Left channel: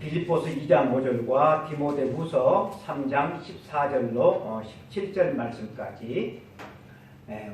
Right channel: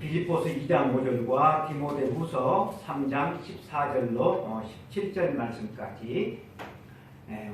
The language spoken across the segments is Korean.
빌립보서 2장 5절과 디모데후서 3장 14절로 17절 말씀까지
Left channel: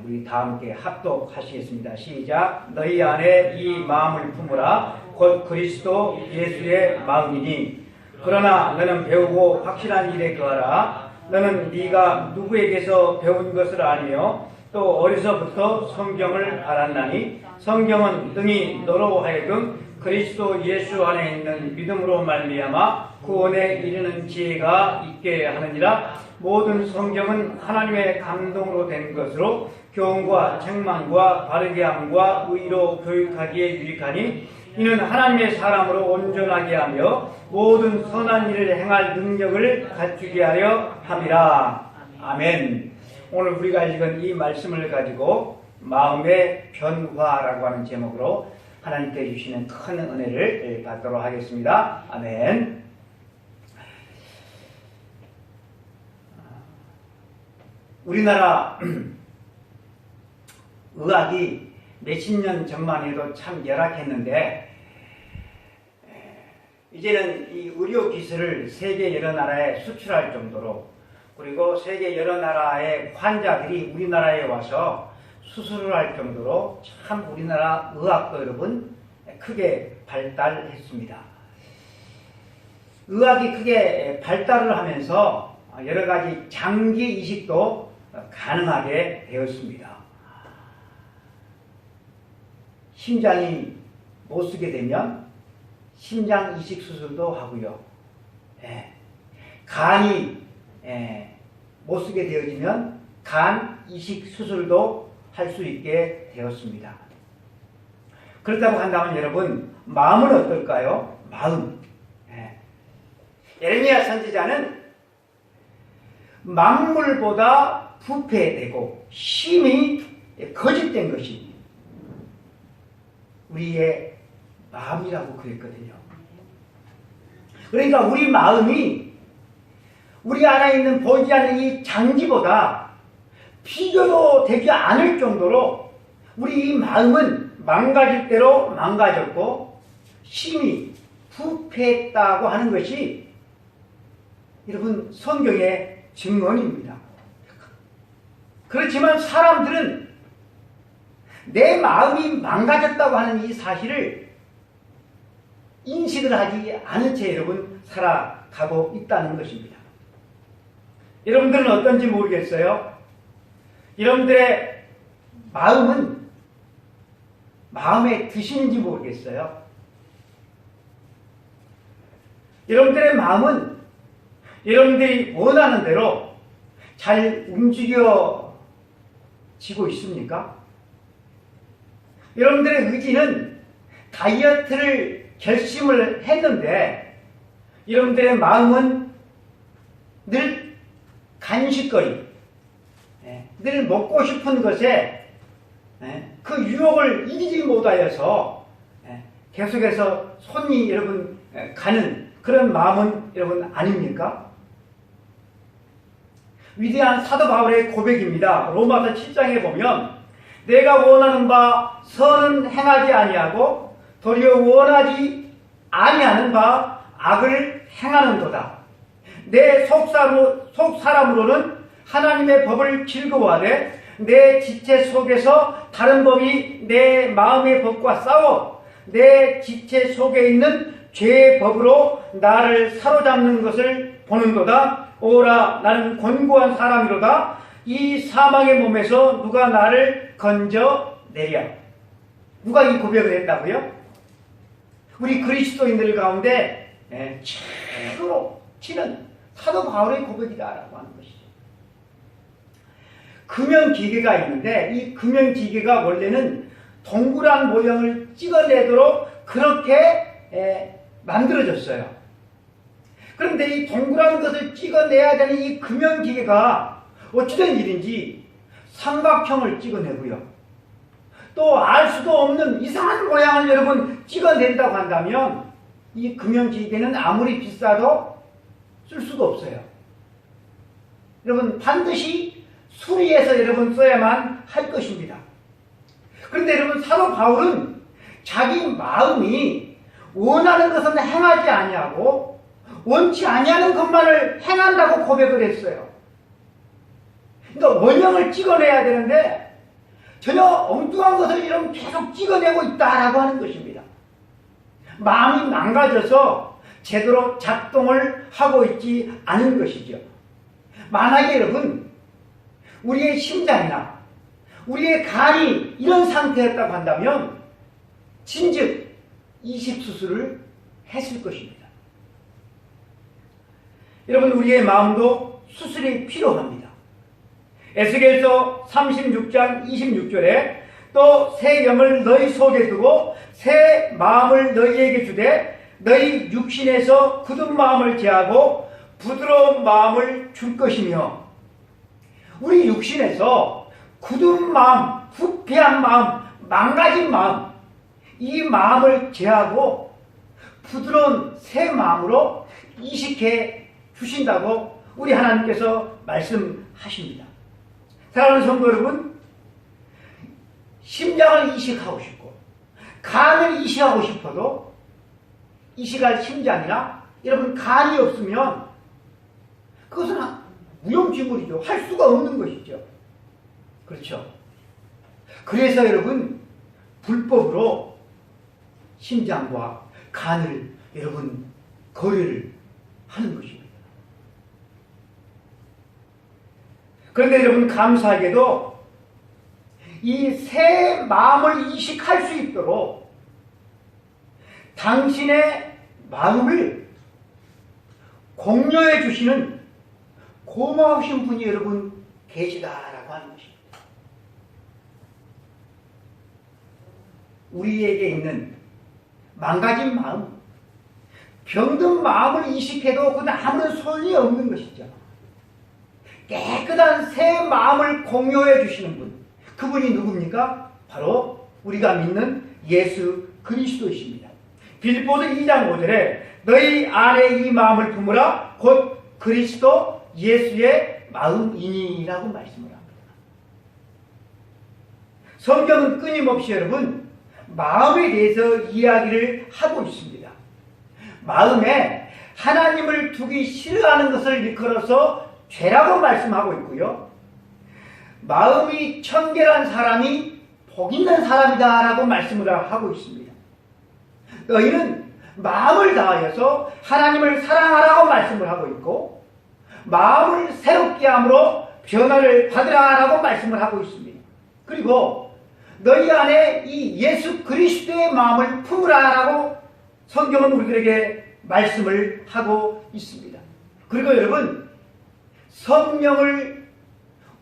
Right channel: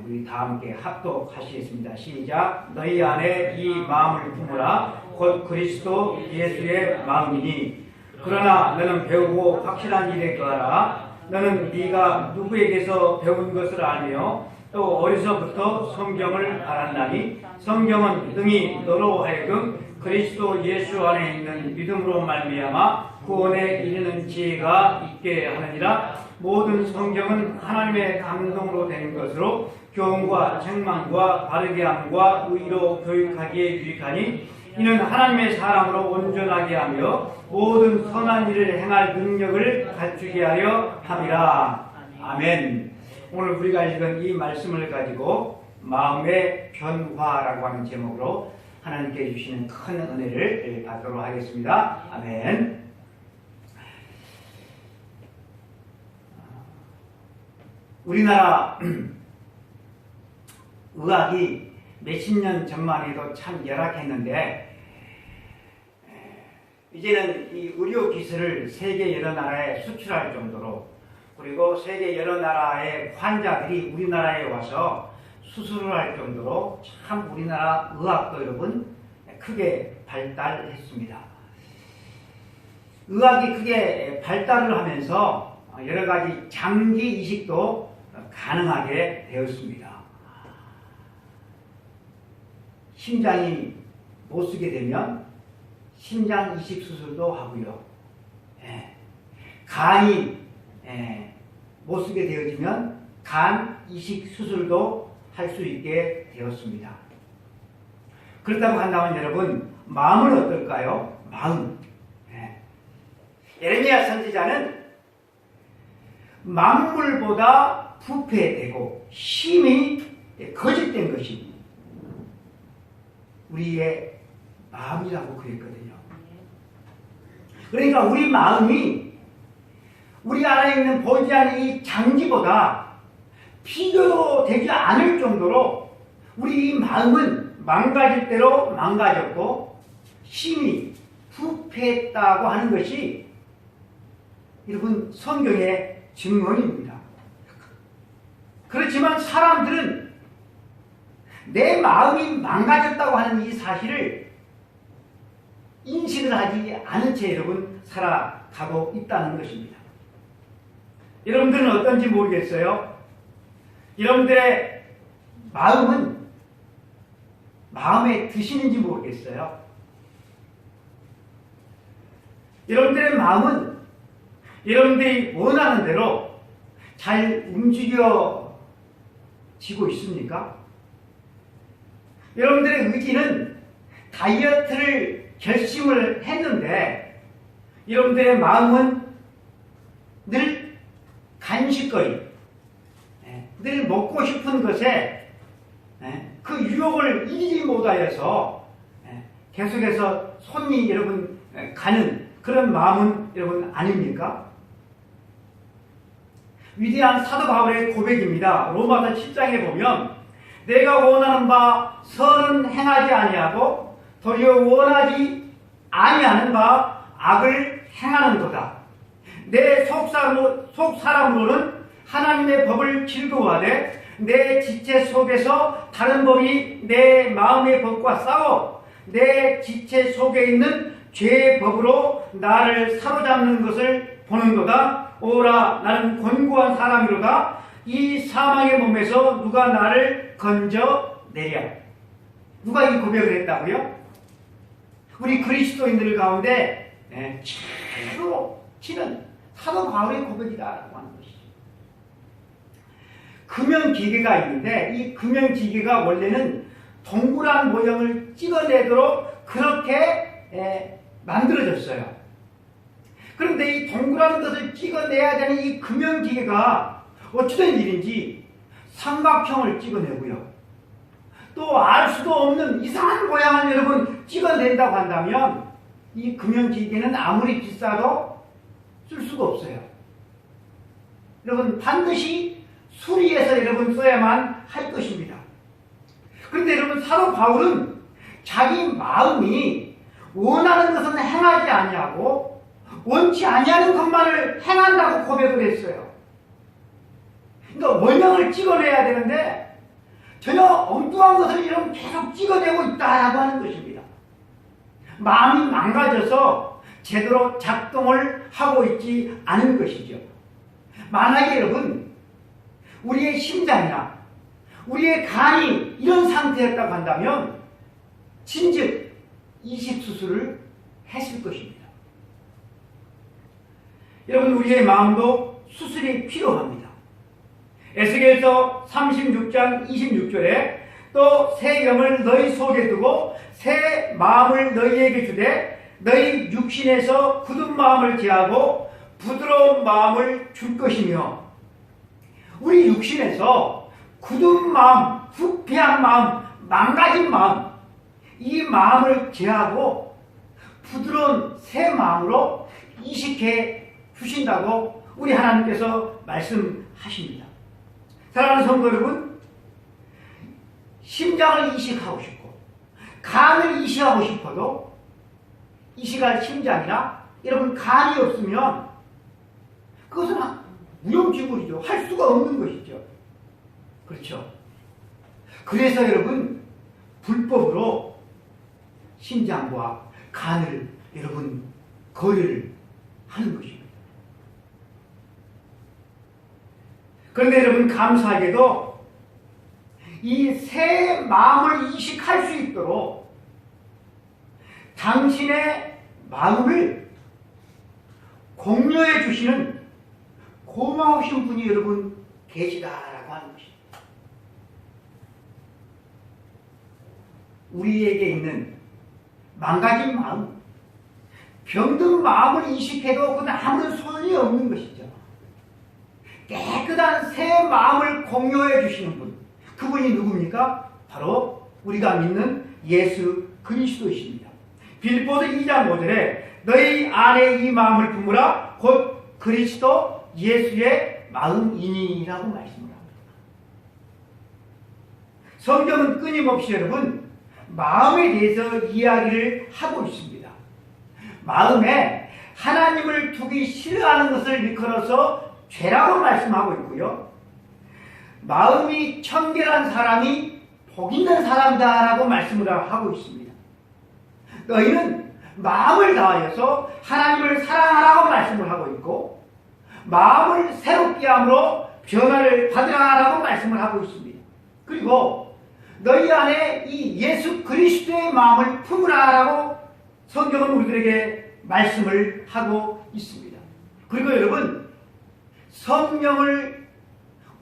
우리 다 함께 합독하시겠습니다. 시작. 너희 안에 이 마음을 품으라. 곧 그리스도 예수의 마음이니 그러나 너는 배우고 확실한 일에 거하라. 너는 네가 누구에게서 배운 것을 알며 또 어려서부터 성경을 알았나니 성경은 능히 너로 하여금 그리스도 예수 안에 있는 믿음으로 말미암아 구원에 이르는 지혜가 있게 하느니라. 모든 성경은 하나님의 감동으로 된 것으로 교훈과 책망과 바르게 함과 의로 교육하기에 유익하니 이는 하나님의 사람으로 온전하게 하며 모든 선한 일을 행할 능력을 갖추게 하려 함이라. 아멘. 오늘 우리가 읽은 이 말씀을 가지고 마음의 변화라고 하는 제목으로 하나님께 주시는 큰 은혜를 받도록 하겠습니다. 아멘. 우리나라 의학이 몇십 년 전만 해도 참 열악했는데 이제는 이 의료 기술을 세계 여러 나라에 수출할 정도로, 그리고 세계 여러 나라의 환자들이 우리나라에 와서 수술을 할 정도로 참 우리나라 의학도 여러분 크게 발달했습니다. 의학이 크게 발달을 하면서 여러 가지 장기 이식도 가능하게 되었습니다. 심장이 못 쓰게 되면 심장 이식 수술도 하고요. 간이 못 쓰게 되어지면 간 이식 수술도 할 수 있게 되었습니다. 그렇다고 한다면 여러분, 마음은 어떨까요? 마음. 예레미야 선지자는 만물보다 부패되고 심히 거짓된 것이 우리의 마음이라고 그랬거든요. 그러니까 우리 마음이 우리 안에 있는 보이지 않는 이 장기보다 비교도 되지 않을 정도로 우리 이 마음은 망가질 대로 망가졌고 심히 부패했다고 하는 것이 여러분 성경의 증언입니다. 그렇지만 사람들은 내 마음이 망가졌다고 하는 이 사실을 인식을 하지 않은 채 여러분 살아가고 있다는 것입니다. 여러분들은 어떤지 모르겠어요. 여러분들의 마음은 마음에 드시는지 모르겠어요. 여러분들의 마음은 여러분들이 원하는 대로 잘 움직여지고 있습니까? 여러분들의 의지는 다이어트를 결심을 했는데 여러분들의 마음은 늘 간식거리, 늘 먹고 싶은 것에 그 유혹을 이기지 못하여서 계속해서 손이 여러분 가는 그런 마음은 여러분 아닙니까? 위대한 사도 바울의 고백입니다. 로마서 7장에 보면 내가 원하는 바 선은 행하지 아니하고 도리어 원하지 아니하는 바 악을 행하는도다. 내 속사람으로는 하나님의 법을 즐거워하되 내 지체 속에서 다른 법이 내 마음의 법과 싸워 내 지체 속에 있는 죄의 법으로 나를 사로잡는 것을 보는도다. 오라, 나는 곤고한 사람이로다. 이 사망의 몸에서 누가 나를 건져내랴. 누가 이 고백을 했다고요? 우리 그리스도인들 가운데 최고로 치는 사도 바울의 고백이다라고 하는 것이죠. 금연기계가 있는데 이 금연기계가 원래는 동그란 모형을 찍어내도록 그렇게 만들어졌어요. 그런데 이 동그란 것을 찍어내야 되는 이 금연기계가 어찌된 일인지 삼각형을 찍어내고요. 또 알 수도 없는 이상한 모양을 여러분 찍어낸다고 한다면 이 금연기계는 아무리 비싸도 쓸 수가 없어요. 여러분 반드시 수리해서 여러분 써야만 할 것입니다. 그런데 여러분 사도 바울은 자기 마음이 원하는 것은 행하지 아니하고 원치 아니하는 것만을 행한다고 고백을 했어요. 그러니까 원형을 찍어내야 되는데 전혀 엉뚱한 것을 이런 계속 찍어내고 있다라고 하는 것입니다. 마음이 망가져서 제대로 작동을 하고 있지 않은 것이죠. 만약에 여러분 우리의 심장이나 우리의 간이 이런 상태였다고 한다면 진즉 이식수술을 했을 것입니다. 여러분 우리의 마음도 수술이 필요합니다. 에스겔서 36장 26절에 또 새 영을 너희 속에 두고 새 마음을 너희에게 주되 너희 육신에서 굳은 마음을 제하고 부드러운 마음을 줄 것이며, 우리 육신에서 굳은 마음, 부패한 마음, 망가진 마음, 이 마음을 제하고 부드러운 새 마음으로 이식해 주신다고 우리 하나님께서 말씀하십니다. 사랑하는 성도 여러분, 심장을 이식하고 싶고 간을 이식하고 싶어도 이식할 심장이나 여러분 간이 없으면 그것은 무용지물이죠. 할 수가 없는 것이죠. 그렇죠. 그래서 여러분 불법으로 심장과 간을 여러분 거래를 하는 것입니다. 그런데 여러분 감사하게도 이 새 마음을 이식할 수 있도록 당신의 마음을 공유해 주시는 고마우신 분이 여러분 계시다라고 하는 것입니다. 우리에게 있는 망가진 마음, 병든 마음을 이식해도 그건 아무런 소용이 없는 것이죠. 깨끗한 새 마음을 공유해 주시는 분, 그분이 누굽니까? 바로 우리가 믿는 예수 그리스도이십니다. 빌립보서 2장 5절에 너희 안에 이 마음을 품으라 곧 그리스도 예수의 마음이니라고 말씀을 합니다. 성경은 끊임없이 여러분 마음에 대해서 이야기를 하고 있습니다. 마음에 하나님을 두기 싫어하는 것을 일컬어서 죄라고 말씀하고 있고요. 마음이 청결한 사람이 복 있는 사람이다 라고 말씀을 하고 있습니다. 너희는 마음을 다하여서 하나님을 사랑하라고 말씀을 하고 있고 마음을 새롭게 함으로 변화를 받으라 라고 말씀을 하고 있습니다. 그리고 너희 안에 이 예수 그리스도의 마음을 품으라 라고 성경은 우리들에게 말씀을 하고 있습니다. 그리고 여러분 성령을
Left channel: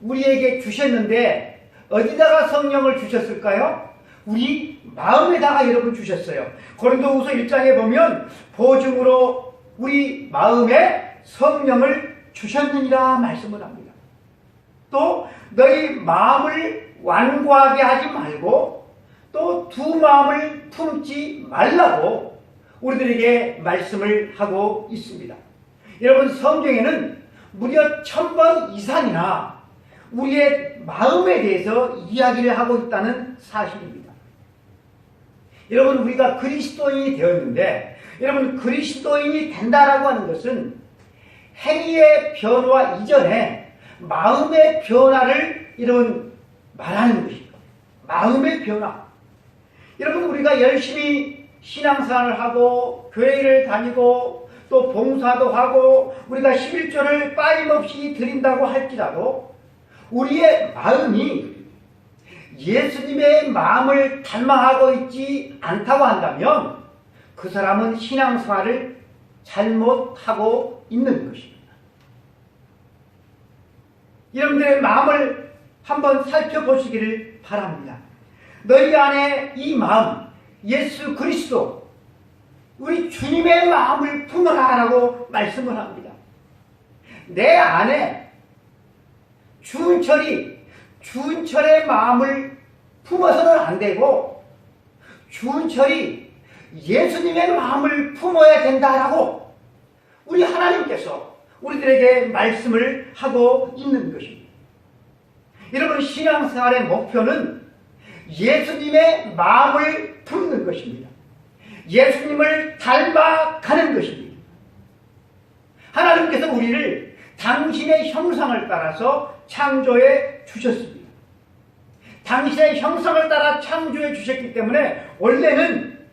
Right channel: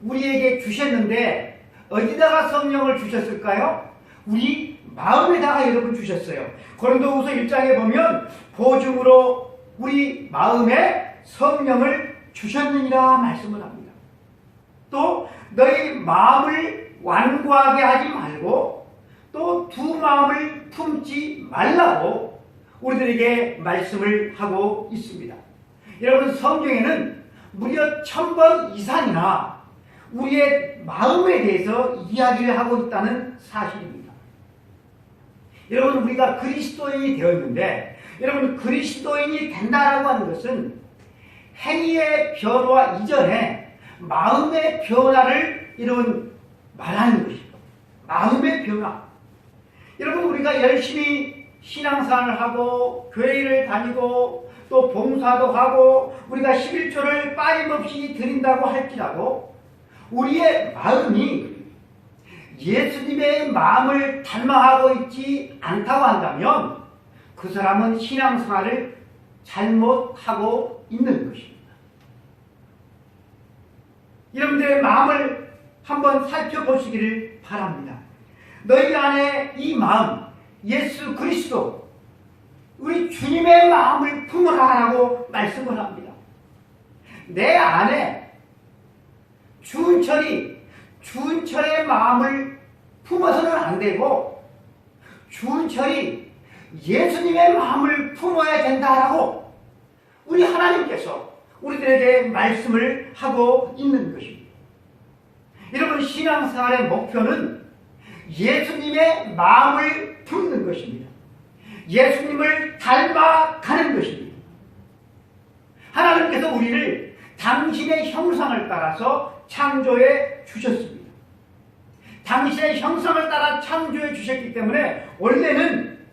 우리에게 주셨는데 어디다가 성령을 주셨을까요? 우리 마음에다가 여러분 주셨어요. 고린도후서 1장에 보면 보증으로 우리 마음에 성령을 주셨느니라 말씀을 합니다. 또 너희 마음을 완고하게 하지 말고 또 두 마음을 품지 말라고 우리들에게 말씀을 하고 있습니다. 여러분 성경에는 무려 1000번 이상이나 우리의 마음에 대해서 이야기를 하고 있다는 사실입니다. 여러분 우리가 그리스도인이 되었는데 여러분 그리스도인이 된다라고 하는 것은 행위의 변화 이전에 마음의 변화를 여러분 말하는 것이죠. 마음의 변화. 여러분 우리가 열심히 신앙생활을 하고 교회를 다니고 또 봉사도 하고 우리가 11조를 빠짐없이 드린다고 할지라도 우리의 마음이 예수님의 마음을 닮아가고 있지 않다고 한다면 그 사람은 신앙생활을 잘못하고 있는 것입니다. 여러분들의 마음을 한번 살펴보시기를 바랍니다. 너희 안에 이 마음, 예수 그리스도, 우리 주님의 마음을 품어라라고 말씀을 합니다. 내 안에 주은철의 마음을 품어서는 안 되고 주은철이 예수님의 마음을 품어야 된다라고 우리 하나님께서 우리들에게 말씀을 하고 있는 것입니다. 여러분 신앙생활의 목표는 예수님의 마음을 품는 것입니다. 예수님을 닮아가는 것입니다. 하나님께서 우리를 당신의 형상을 따라서 창조해 주셨습니다. 당신의 형상을 따라 창조해 주셨기 때문에 원래는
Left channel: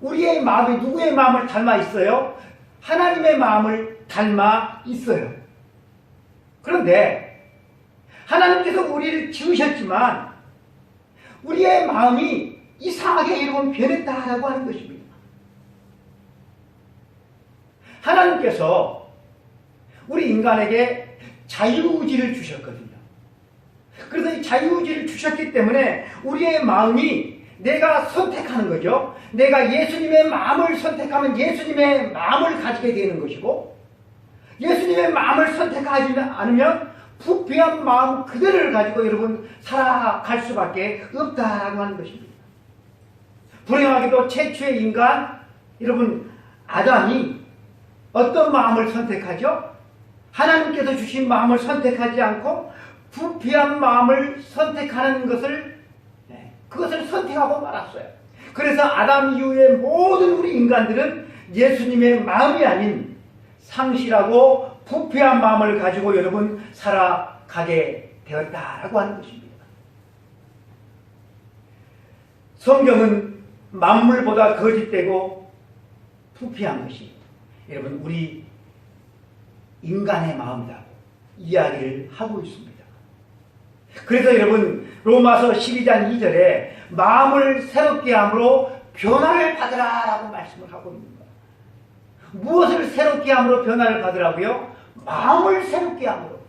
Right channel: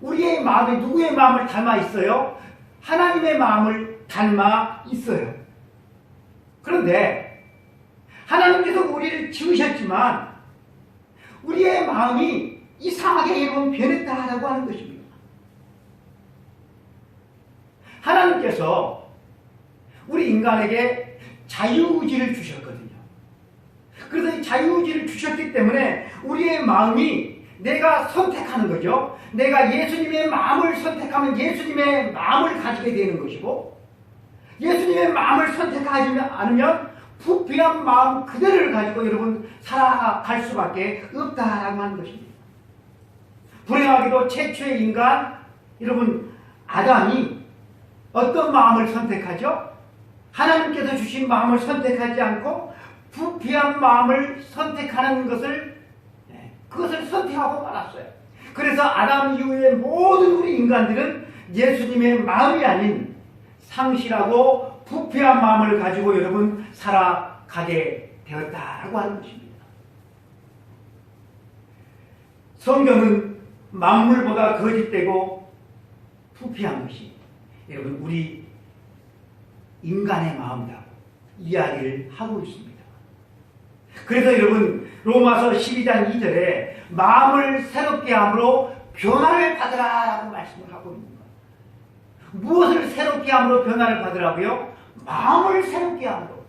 우리의 마음이 누구의 마음을 닮아 있어요? 하나님의 마음을 닮아 있어요. 그런데 하나님께서 우리를 지으셨지만 우리의 마음이 이상하게 여러분 변했다라고 하는 것입니다. 하나님께서 우리 인간에게 자유의지를 주셨거든요. 그래서 이 자유의지를 주셨기 때문에 우리의 마음이 내가 선택하는 거죠. 내가 예수님의 마음을 선택하면 예수님의 마음을 가지게 되는 것이고, 예수님의 마음을 선택하지 않으면 부패한 마음 그대로를 가지고 여러분 살아갈 수밖에 없다라고 하는 것입니다. 불행하게도 최초의 인간 여러분 아담이 어떤 마음을 선택하죠? 하나님께서 주신 마음을 선택하지 않고 부패한 마음을 선택하는 그것을 선택하고 말았어요. 그래서 아담 이후의 모든 우리 인간들은 예수님의 마음이 아닌 상실하고 부패한 마음을 가지고 여러분 살아가게 되었다라고 하는 것입니다. 성경은 만물보다 거짓되고 부패한 것이 여러분 우리 인간의 마음이라고 이야기를 하고 있습니다. 그래서 여러분 로마서 12장 2절에 마음을 새롭게 함으로 변화를 받으라라고 말씀을 하고 있습니다. 무엇을 새롭게 함으로 변화를 받으라고요? 마음을 새롭게 함으로.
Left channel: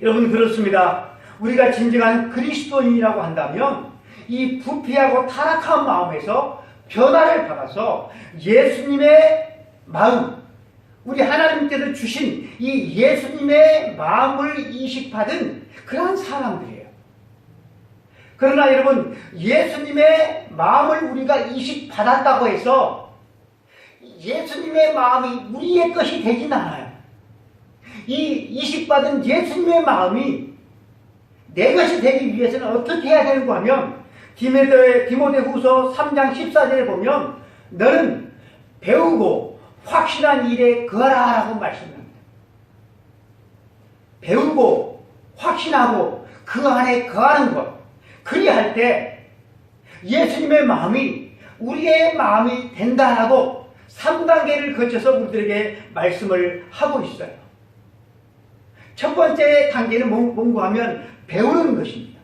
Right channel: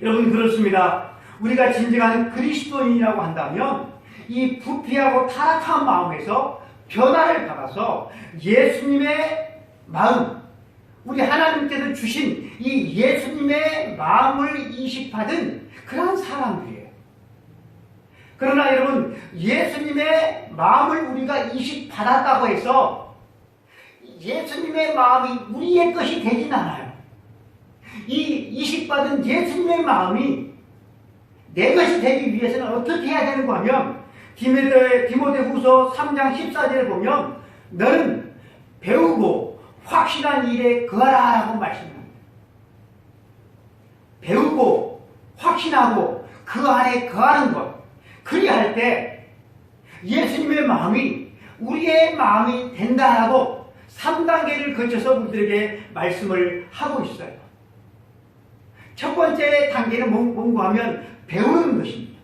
여러분 그렇습니다. 우리가 진정한 그리스도인이라고 한다면 이 부패하고 타락한 마음에서 변화를 받아서 예수님의 마음, 우리 하나님께서 주신 이 예수님의 마음을 이식받은 그러한 사람들이에요. 그러나 여러분 예수님의 마음을 우리가 이식받았다고 해서 예수님의 마음이 우리의 것이 되진 않아요. 이 이식받은 예수님의 마음이 내 것이 되기 위해서는 어떻게 해야 되는가 하면 디모데후서 3장 14절에 보면 너는 배우고 확신한 일에 거하라라고 말씀합니다. 배우고 확신하고 그 안에 거하는 것, 그리할 때 예수님의 마음이 우리의 마음이 된다라고 3단계를 거쳐서 우리들에게 말씀을 하고 있어요. 첫 번째 단계는 뭔가 하면 배우는 것입니다.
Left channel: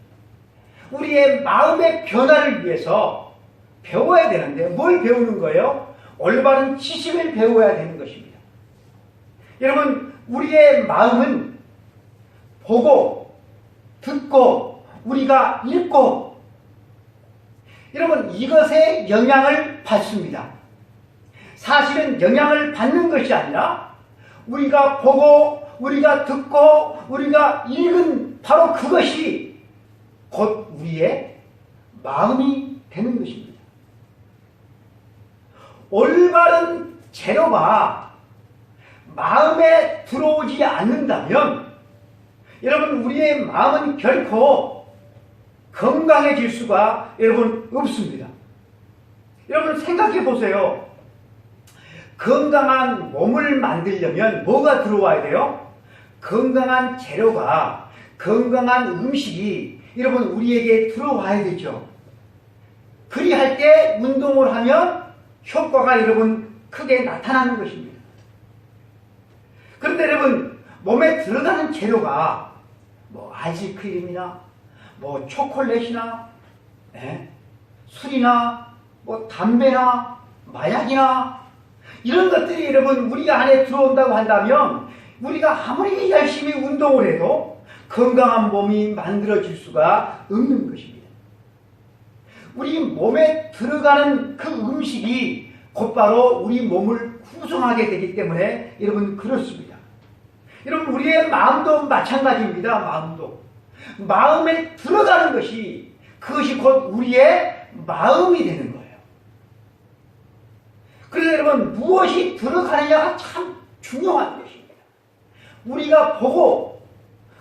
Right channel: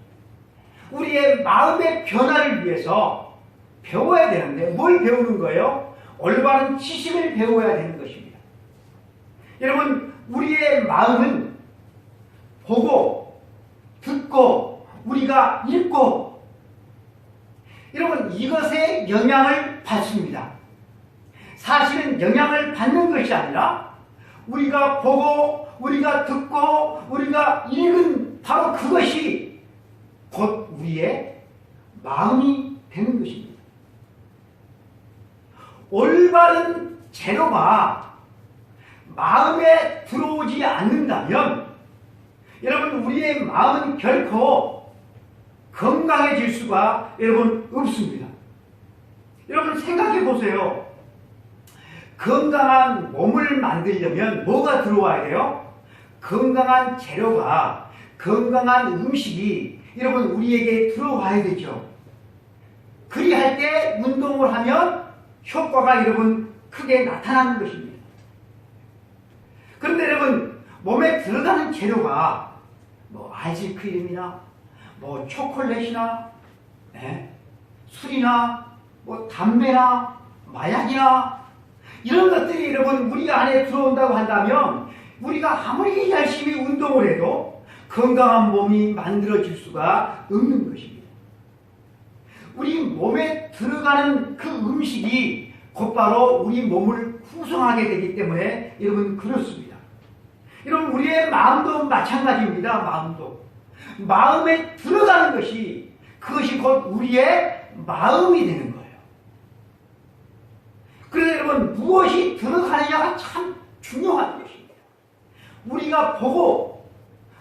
우리의 마음의 변화를 위해서 배워야 되는데 뭘 배우는 거예요? 올바른 지식을 배워야 되는 것입니다. 여러분 우리의 마음은 보고 듣고 우리가 읽고 여러분 이것에 영향을 받습니다. 사실은 영향을 받는 것이 아니라 우리가 보고 우리가 듣고 우리가 읽은 바로 그것이 곧 우리의 마음이 되는 것입니다. 올바른 재료가 마음에 들어오지 않는다면 여러분 우리의 마음은 결코 건강해질 수가 여러분 없습니다. 여러분 생각해 보세요. 건강한 몸을 만들려면 뭐가 들어와야 돼요? 건강한 재료가, 건강한 음식이 여러분 우리에게 들어와야 되죠. 그리할 때 운동을 하면 효과가 여러분 크게 나타나는 것입니다. 그런데 여러분 몸에 들어가는 재료가 뭐 아이스크림이나 뭐 초콜릿이나 술이나 뭐 담배나 마약이나 이런 것들이 여러분 우리 안에 들어온다고 한다면 우리가 아무리 열심히 운동을 해도 건강한 몸이 만들어질 수가 없는 것입니다. 우리 몸에 들어가는 그 음식이 곧바로 우리 몸을 구성하게 되기 때문에 여러분 그렇습니다. 여러분 우리의 마음도 마찬가지입니다. 마음에 들어가는 것이 그것이 곧 우리의 마음이 되는 거예요. 그래서 여러분 무엇이 들어가느냐가 참 중요한 것입니다. 우리가 보고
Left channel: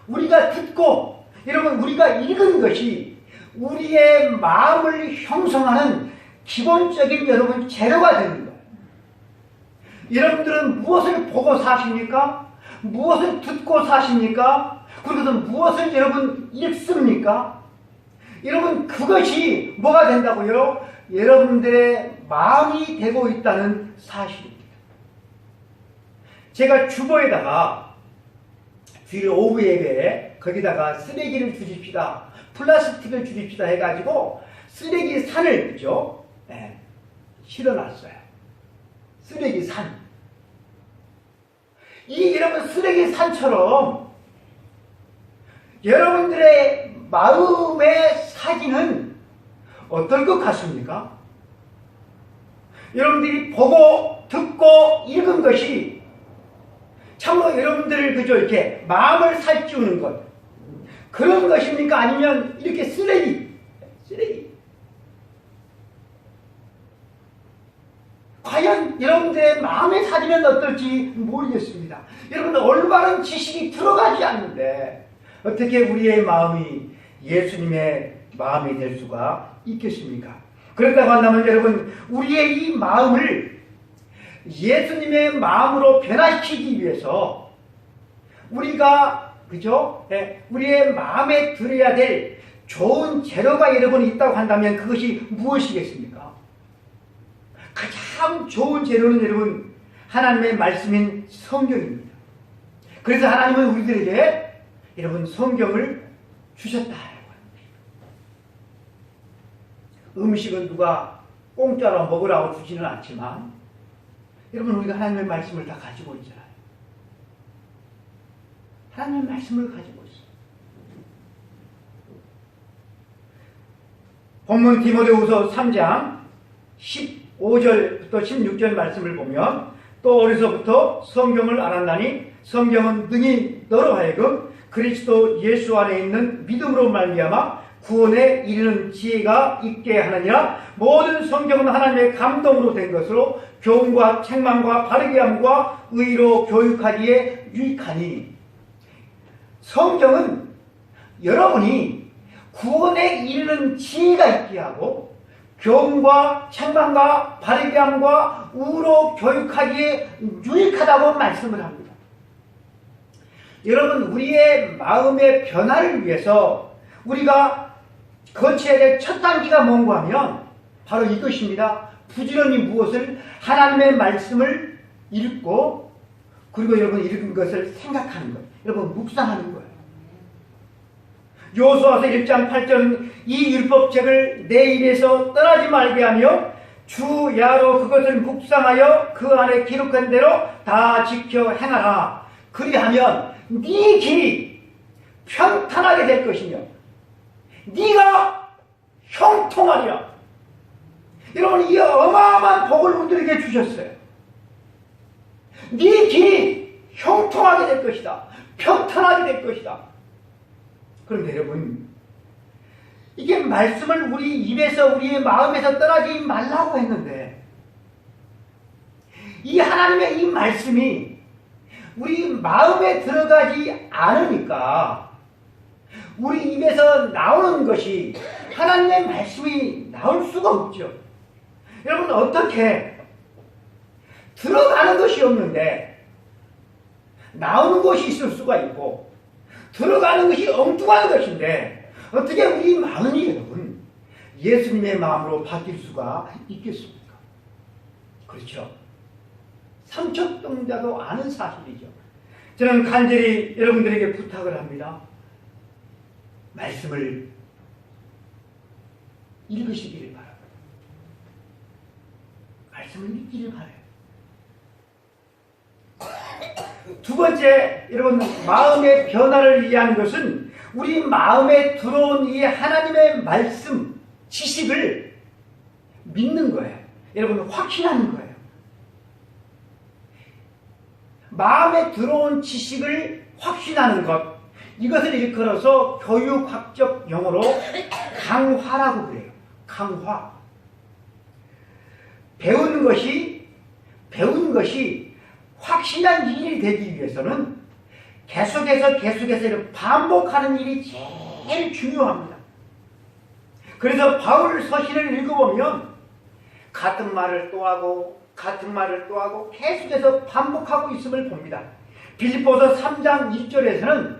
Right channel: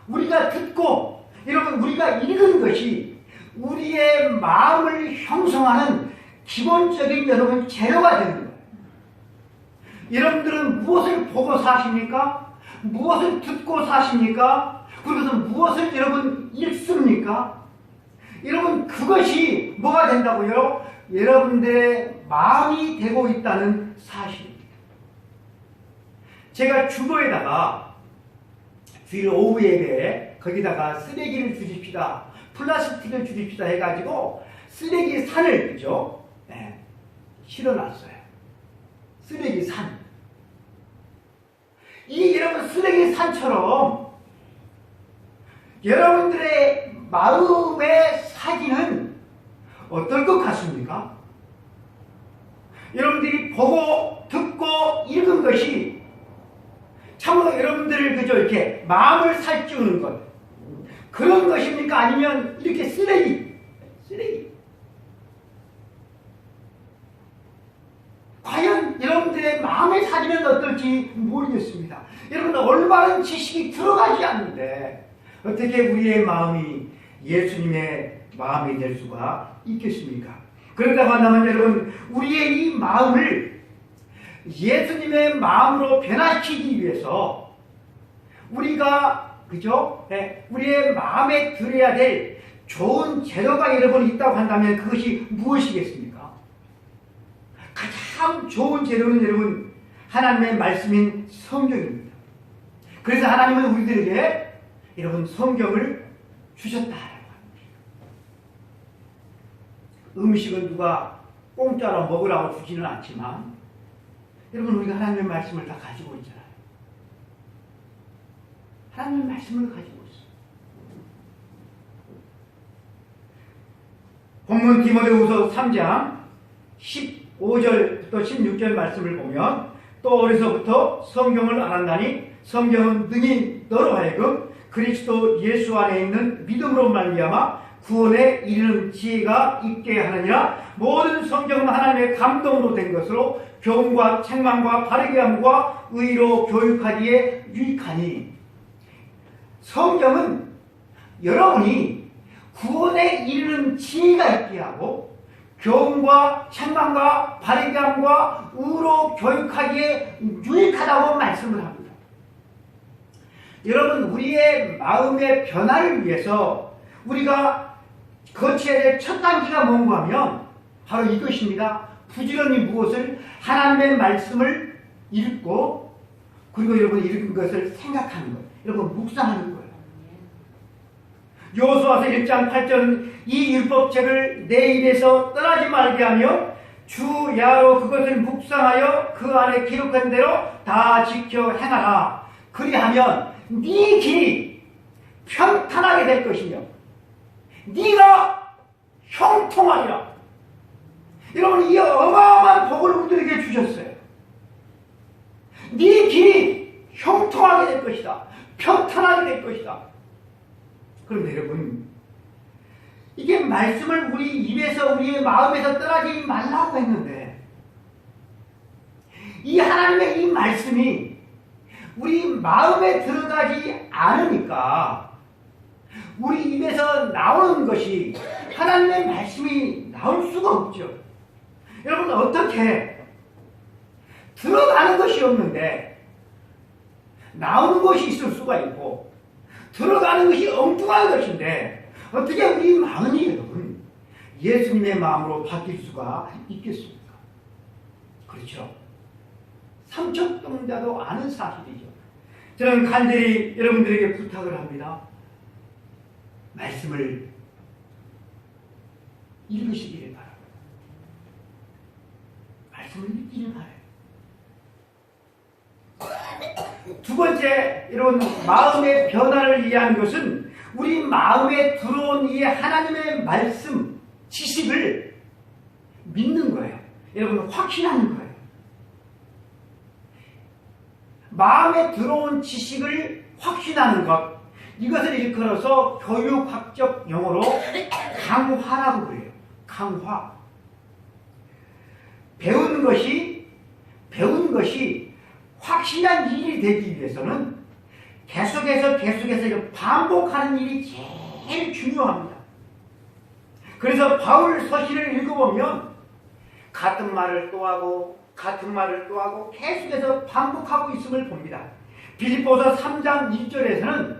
우리가 듣고 여러분 우리가 읽은 것이 우리의 마음을 형성하는 기본적인 여러분 재료가 되는 거예요. 여러분들은 무엇을 보고 사십니까? 무엇을 듣고 사십니까? 그리고 무엇을 여러분 읽습니까? 여러분 그것이 뭐가 된다고요? 여러분들의 마음이 되고 있다는 사실입니다. 제가 주보에다가 주일 오후 예배에 거기다가 쓰레기를 줄입시다, 플라스틱을 줄입시다 해가지고 쓰레기 산을 그죠? 네, 실어놨어요. 쓰레기 산. 이 여러분 쓰레기 산처럼 여러분들의 마음의 사진은 어떨 것 같습니까? 여러분들이 보고 듣고 읽은 것이 참으로 여러분들을 그저 이렇게 마음을 살찌우는 것, 그런 것입니까? 아니면 이렇게 쓰레기. 과연 여러분들의 마음의 사진은 어떨지 모르겠습니다. 여러분 올바른 지식이 들어가지 않는데 어떻게 우리의 마음이 예수님의 마음이 될 수가 있겠습니까? 그런다고 한다면 여러분 우리의 이 마음을 예수님의 마음으로 변화시키기 위해서 우리가 그죠? 우리의 마음에 들어야 될 좋은 재료가 여러분 있다고 한다면 그것이 무엇이겠습니까? 가장 좋은 재료는 여러분 하나님의 말씀인 성경입니다. 그래서 하나님은 우리들에게 여러분 성경을 주셨다라고 합니다. 음식은 누가 공짜로 먹으라고 주지는 않지만 여러분 우리가 하나님의 말씀을 다 가지고 있잖아요. 하나님의 말씀을 가지고 있어요. 본문 디모데후서 3장 15절부터 16절 말씀을 보면 또 어려서부터 성경을 알았나니 성경은 능히 너로 하여금 그리스도 예수 안에 있는 믿음으로 말미암아 구원에 이르는 지혜가 있게 하느니라. 모든 성경은 하나님의 감동으로 된 것으로 교훈과 책망과 바르게 함과 의로 교육하기에 유익하니. 성경은 여러분이 구원에 이르는 지혜가 있게 하고 교훈과 책망과 바르게 함과 의로 교육하기에 유익하다고 말씀을 합니다. 여러분 우리의 마음의 변화를 위해서 우리가 거쳐야 될 첫 단계가 뭔가 하면 바로 이것입니다. 부지런히 무엇을 하나님의 말씀을 읽고 그리고 여러분 읽은 것을 생각하는 거예요. 여러분 묵상하는 거예요. 여호수아서 1장 8절은 이 율법책을 내 입에서 떠나지 말게 하며 주 야로 그것을 묵상하여 그 안에 기록한 대로 다 지켜 행하라. 그리하면 네 길이 평탄하게 될 것이며 네가 형통하리라. 여러분 이 어마어마한 복을 우리들에게 주셨어요. 네 길이 형통하게 될 것이다. 평탄하게 될 것이다. 그런데 여러분 이게 말씀을 우리 입에서 우리의 마음에서 떠나지 말라고 했는데 이 하나님의 이 말씀이 우리 마음에 들어가지 않으니까 우리 입에서 나오는 것이 하나님의 말씀이 나올 수가 없죠. 여러분 어떻게 들어가는 것이 없는데 나오는 것이 있을 수가 있고 들어가는 것이 엉뚱한 것인데 어떻게 우리 마음이 여러분 예수님의 마음으로 바뀔 수가 있겠습니까? 그렇죠. 삼척동자도 아는 사실이죠. 저는 간절히 여러분들에게 부탁을 합니다. 말씀을 읽으시기를 바랍니다. 말씀을 읽기를 바라요. 두 번째, 여러분 마음의 변화를 위한 것은 우리 마음에 들어온 이 하나님의 말씀, 지식을 믿는 거예요. 여러분 확신하는 거예요. 마음에 들어온 지식을 확신하는 것, 이것을 일컬어서 교육학적 용어로 강화라고 그래요. 강화. 배운 것이 확실한 일이 되기 위해서는 계속해서 반복하는 일이 제일 중요합니다. 그래서 바울 서신을 읽어보면 같은 말을 또 하고 같은 말을 또 하고 계속해서 반복하고 있음을 봅니다. 빌립보서 3장 1절에서는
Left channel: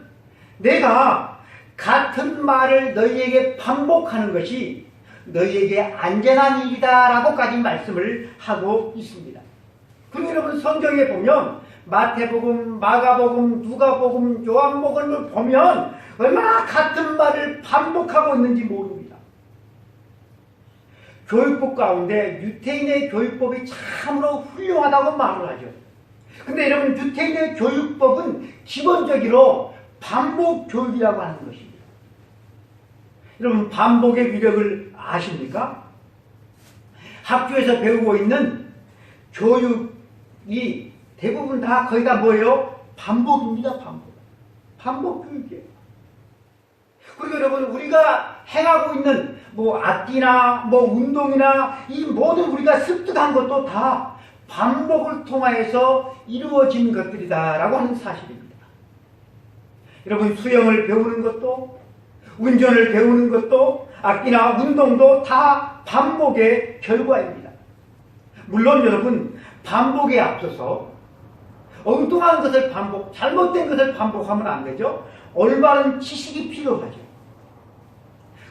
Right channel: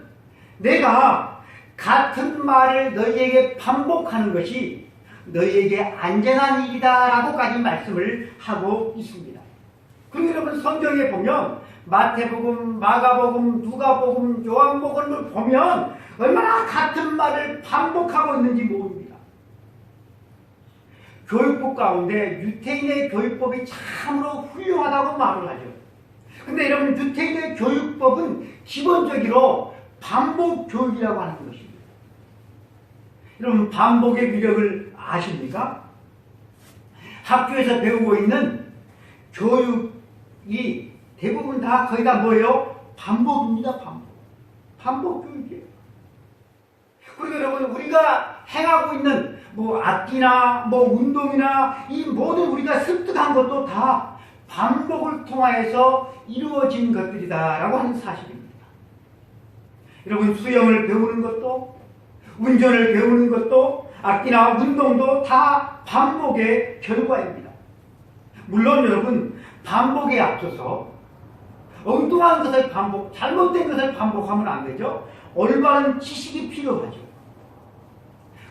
내가 같은 말을 너희에게 반복하는 것이 너희에게 안전한 일이다 라고까지 말씀을 하고 있습니다. 그리고 여러분 성경에 보면 마태복음, 마가복음, 누가복음, 요한복음을 보면 얼마나 같은 말을 반복하고 있는지 모릅니다. 교육법 가운데 유태인의 교육법이 참으로 훌륭하다고 말을 하죠. 근데 여러분 유태인의 교육법은 기본적으로 반복 교육이라고 하는 것입니다. 여러분 반복의 위력을 아십니까? 학교에서 배우고 있는 교육이 대부분 다 거의 다 뭐예요? 반복입니다. 반복 교육이에요. 그리고 여러분 우리가 행하고 있는 뭐 악기나 뭐 운동이나 이 모든 우리가 습득한 것도 다 반복을 통하여서 이루어진 것들이다라고 하는 사실입니다. 여러분 수영을 배우는 것도 운전을 배우는 것도 악기나 운동도 다 반복의 결과입니다. 물론 여러분 반복에 앞서서 엉뚱한 것을 잘못된 것을 반복하면 안 되죠. 올바른 지식이 필요하죠.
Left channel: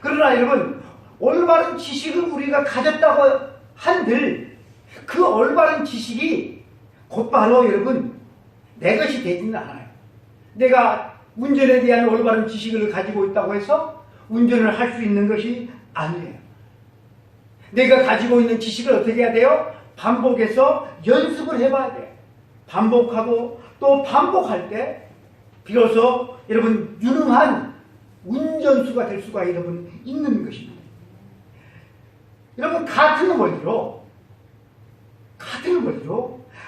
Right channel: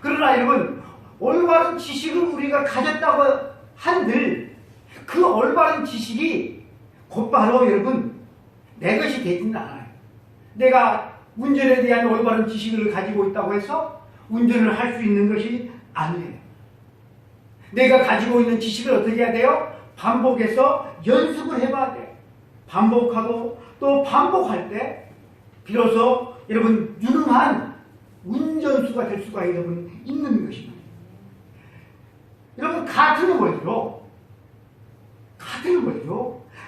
그러나 여러분 올바른 지식을 우리가 가졌다고 한들 그 올바른 지식이 곧바로 여러분 내 것이 되지는 않아요. 내가 운전에 대한 올바른 지식을 가지고 있다고 해서 운전을 할 수 있는 것이 아니에요. 내가 가지고 있는 지식을 어떻게 해야 돼요? 반복해서 연습을 해봐야 돼요. 반복하고 또 반복할 때 비로소 여러분 유능한 운전수가 될 수가 여러분 있는 것입니다. 여러분 같은 원리로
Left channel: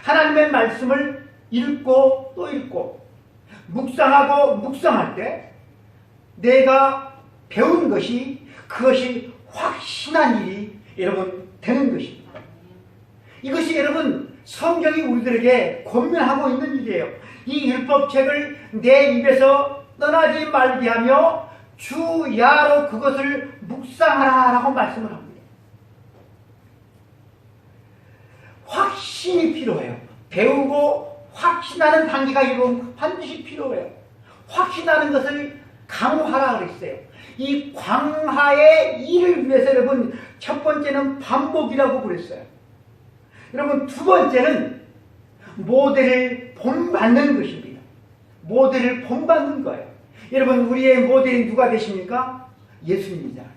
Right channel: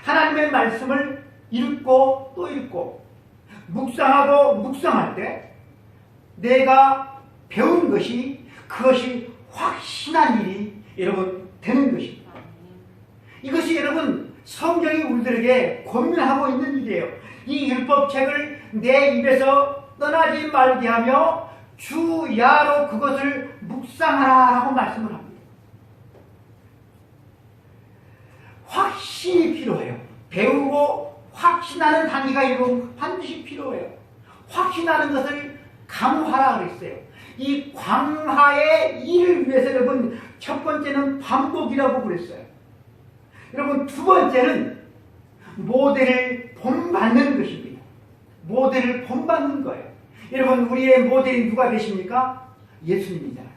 하나님의 말씀을 읽고 또 읽고 묵상하고 묵상할 때 내가 배운 것이 그것이 확신한 일이 여러분 되는 것입니다. 이것이 여러분 성경이 우리들에게 권면하고 있는 일이에요. 이 율법책을 내 입에서 떠나지 말게 하며 주야로 그것을 묵상하라 라고 말씀을 합니다. 확신이 필요해요. 배우고 확신하는 단계가 여러분 반드시 필요해요. 확신하는 것을 강화하라 그랬어요. 이 강화의 일을 위해서 여러분 첫 번째는 반복이라고 그랬어요. 여러분 두 번째는 모델을 본받는 것입니다. 모델을 본받는 거예요. 여러분 우리의 모델이 누가 되십니까? 예수님이잖아요.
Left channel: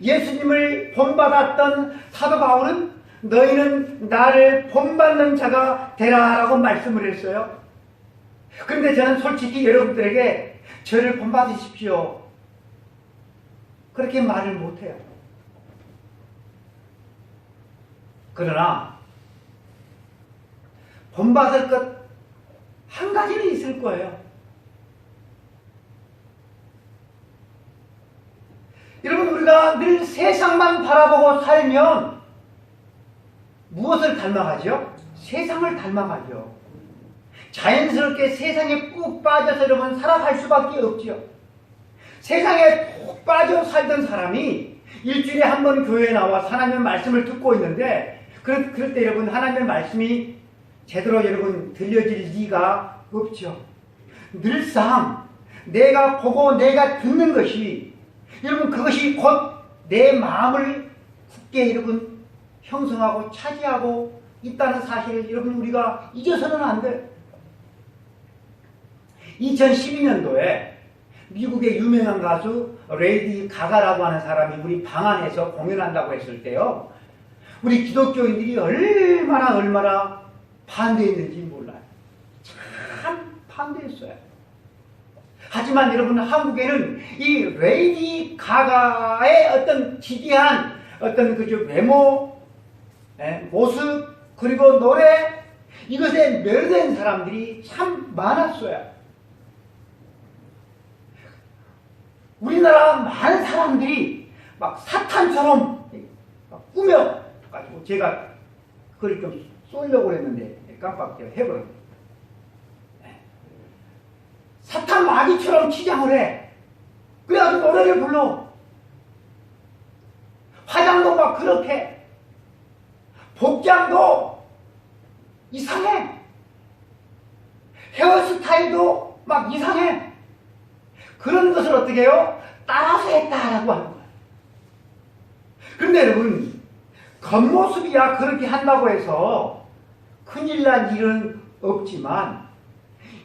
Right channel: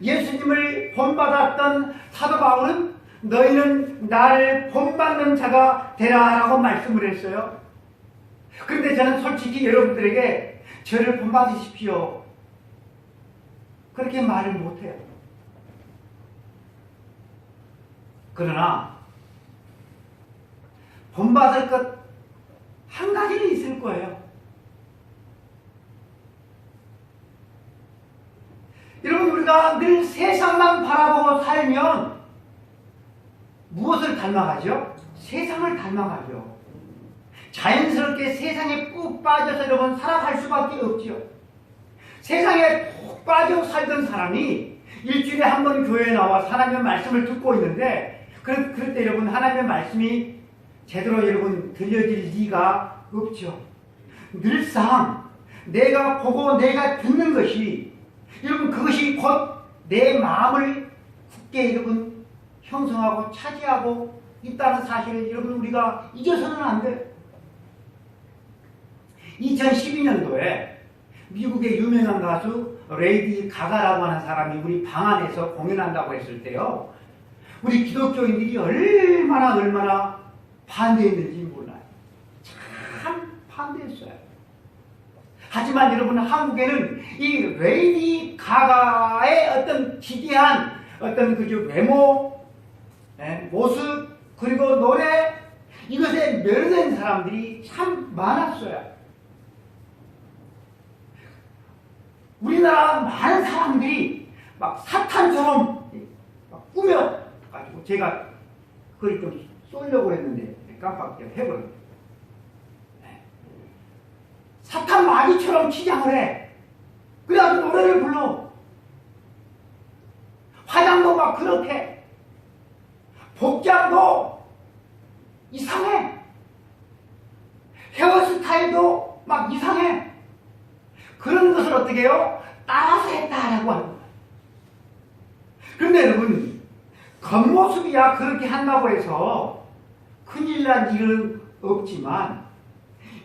예수님을 본받았던 사도 바울은 너희는 나를 본받는 자가 되라 라고 말씀을 했어요. 그런데 저는 솔직히 여러분들에게 저를 본받으십시오 그렇게 말을 못해요. 그러나 본받을 것 한 가지는 있을 거예요. 여러분 우리가 늘 세상만 바라보고 살면 무엇을 닮아가죠? 세상을 닮아가죠. 자연스럽게 세상에 푹 빠져서 여러분 살아갈 수밖에 없죠. 세상에 푹 빠져 살던 사람이 일주일에 한 번 교회에 나와 하나님의 말씀을 듣고 있는데 그럴 때 여러분 하나님의 말씀이 제대로 여러분 들려질 리가 없죠. 늘상 내가 보고 내가 듣는 것이 여러분 그것이 곧 내 마음을 굳게 여러분 형성하고 차지하고 있다는 사실을 여러분 우리가 잊어서는 안 돼요. 2012년도에 미국의 유명한 가수 레이디 가가라고 하는 사람이 우리 방 안에서 공연한다고 했을 때요. 우리 기독교인들이 얼마나 반대했는지 몰라요. 참 반대했어요. 하지만 여러분 한국에는 이 레이디 가가의 어떤 기괴한 어떤 그저 외모, 모습 그리고 노래 이것에 매료된 사람들이 참 많았어요. 우리나라 많은 사람들이 막 사탄처럼 막 꾸며가지고 제가 그걸 좀 쏘려고 했는데 깜빡 해버렸네. 사탄 마귀처럼 치장을 해. 그래가지고 노래를 불러. 말투가 그렇게, 복장도 이상해, 헤어스타일도 막 이상해. 그런 것을 어떻게 해요? 따라서 했다라고 하는 거예요. 그런데 여러분, 겉모습이야 그렇게 한다고 해서 큰일 난 일은 없지만,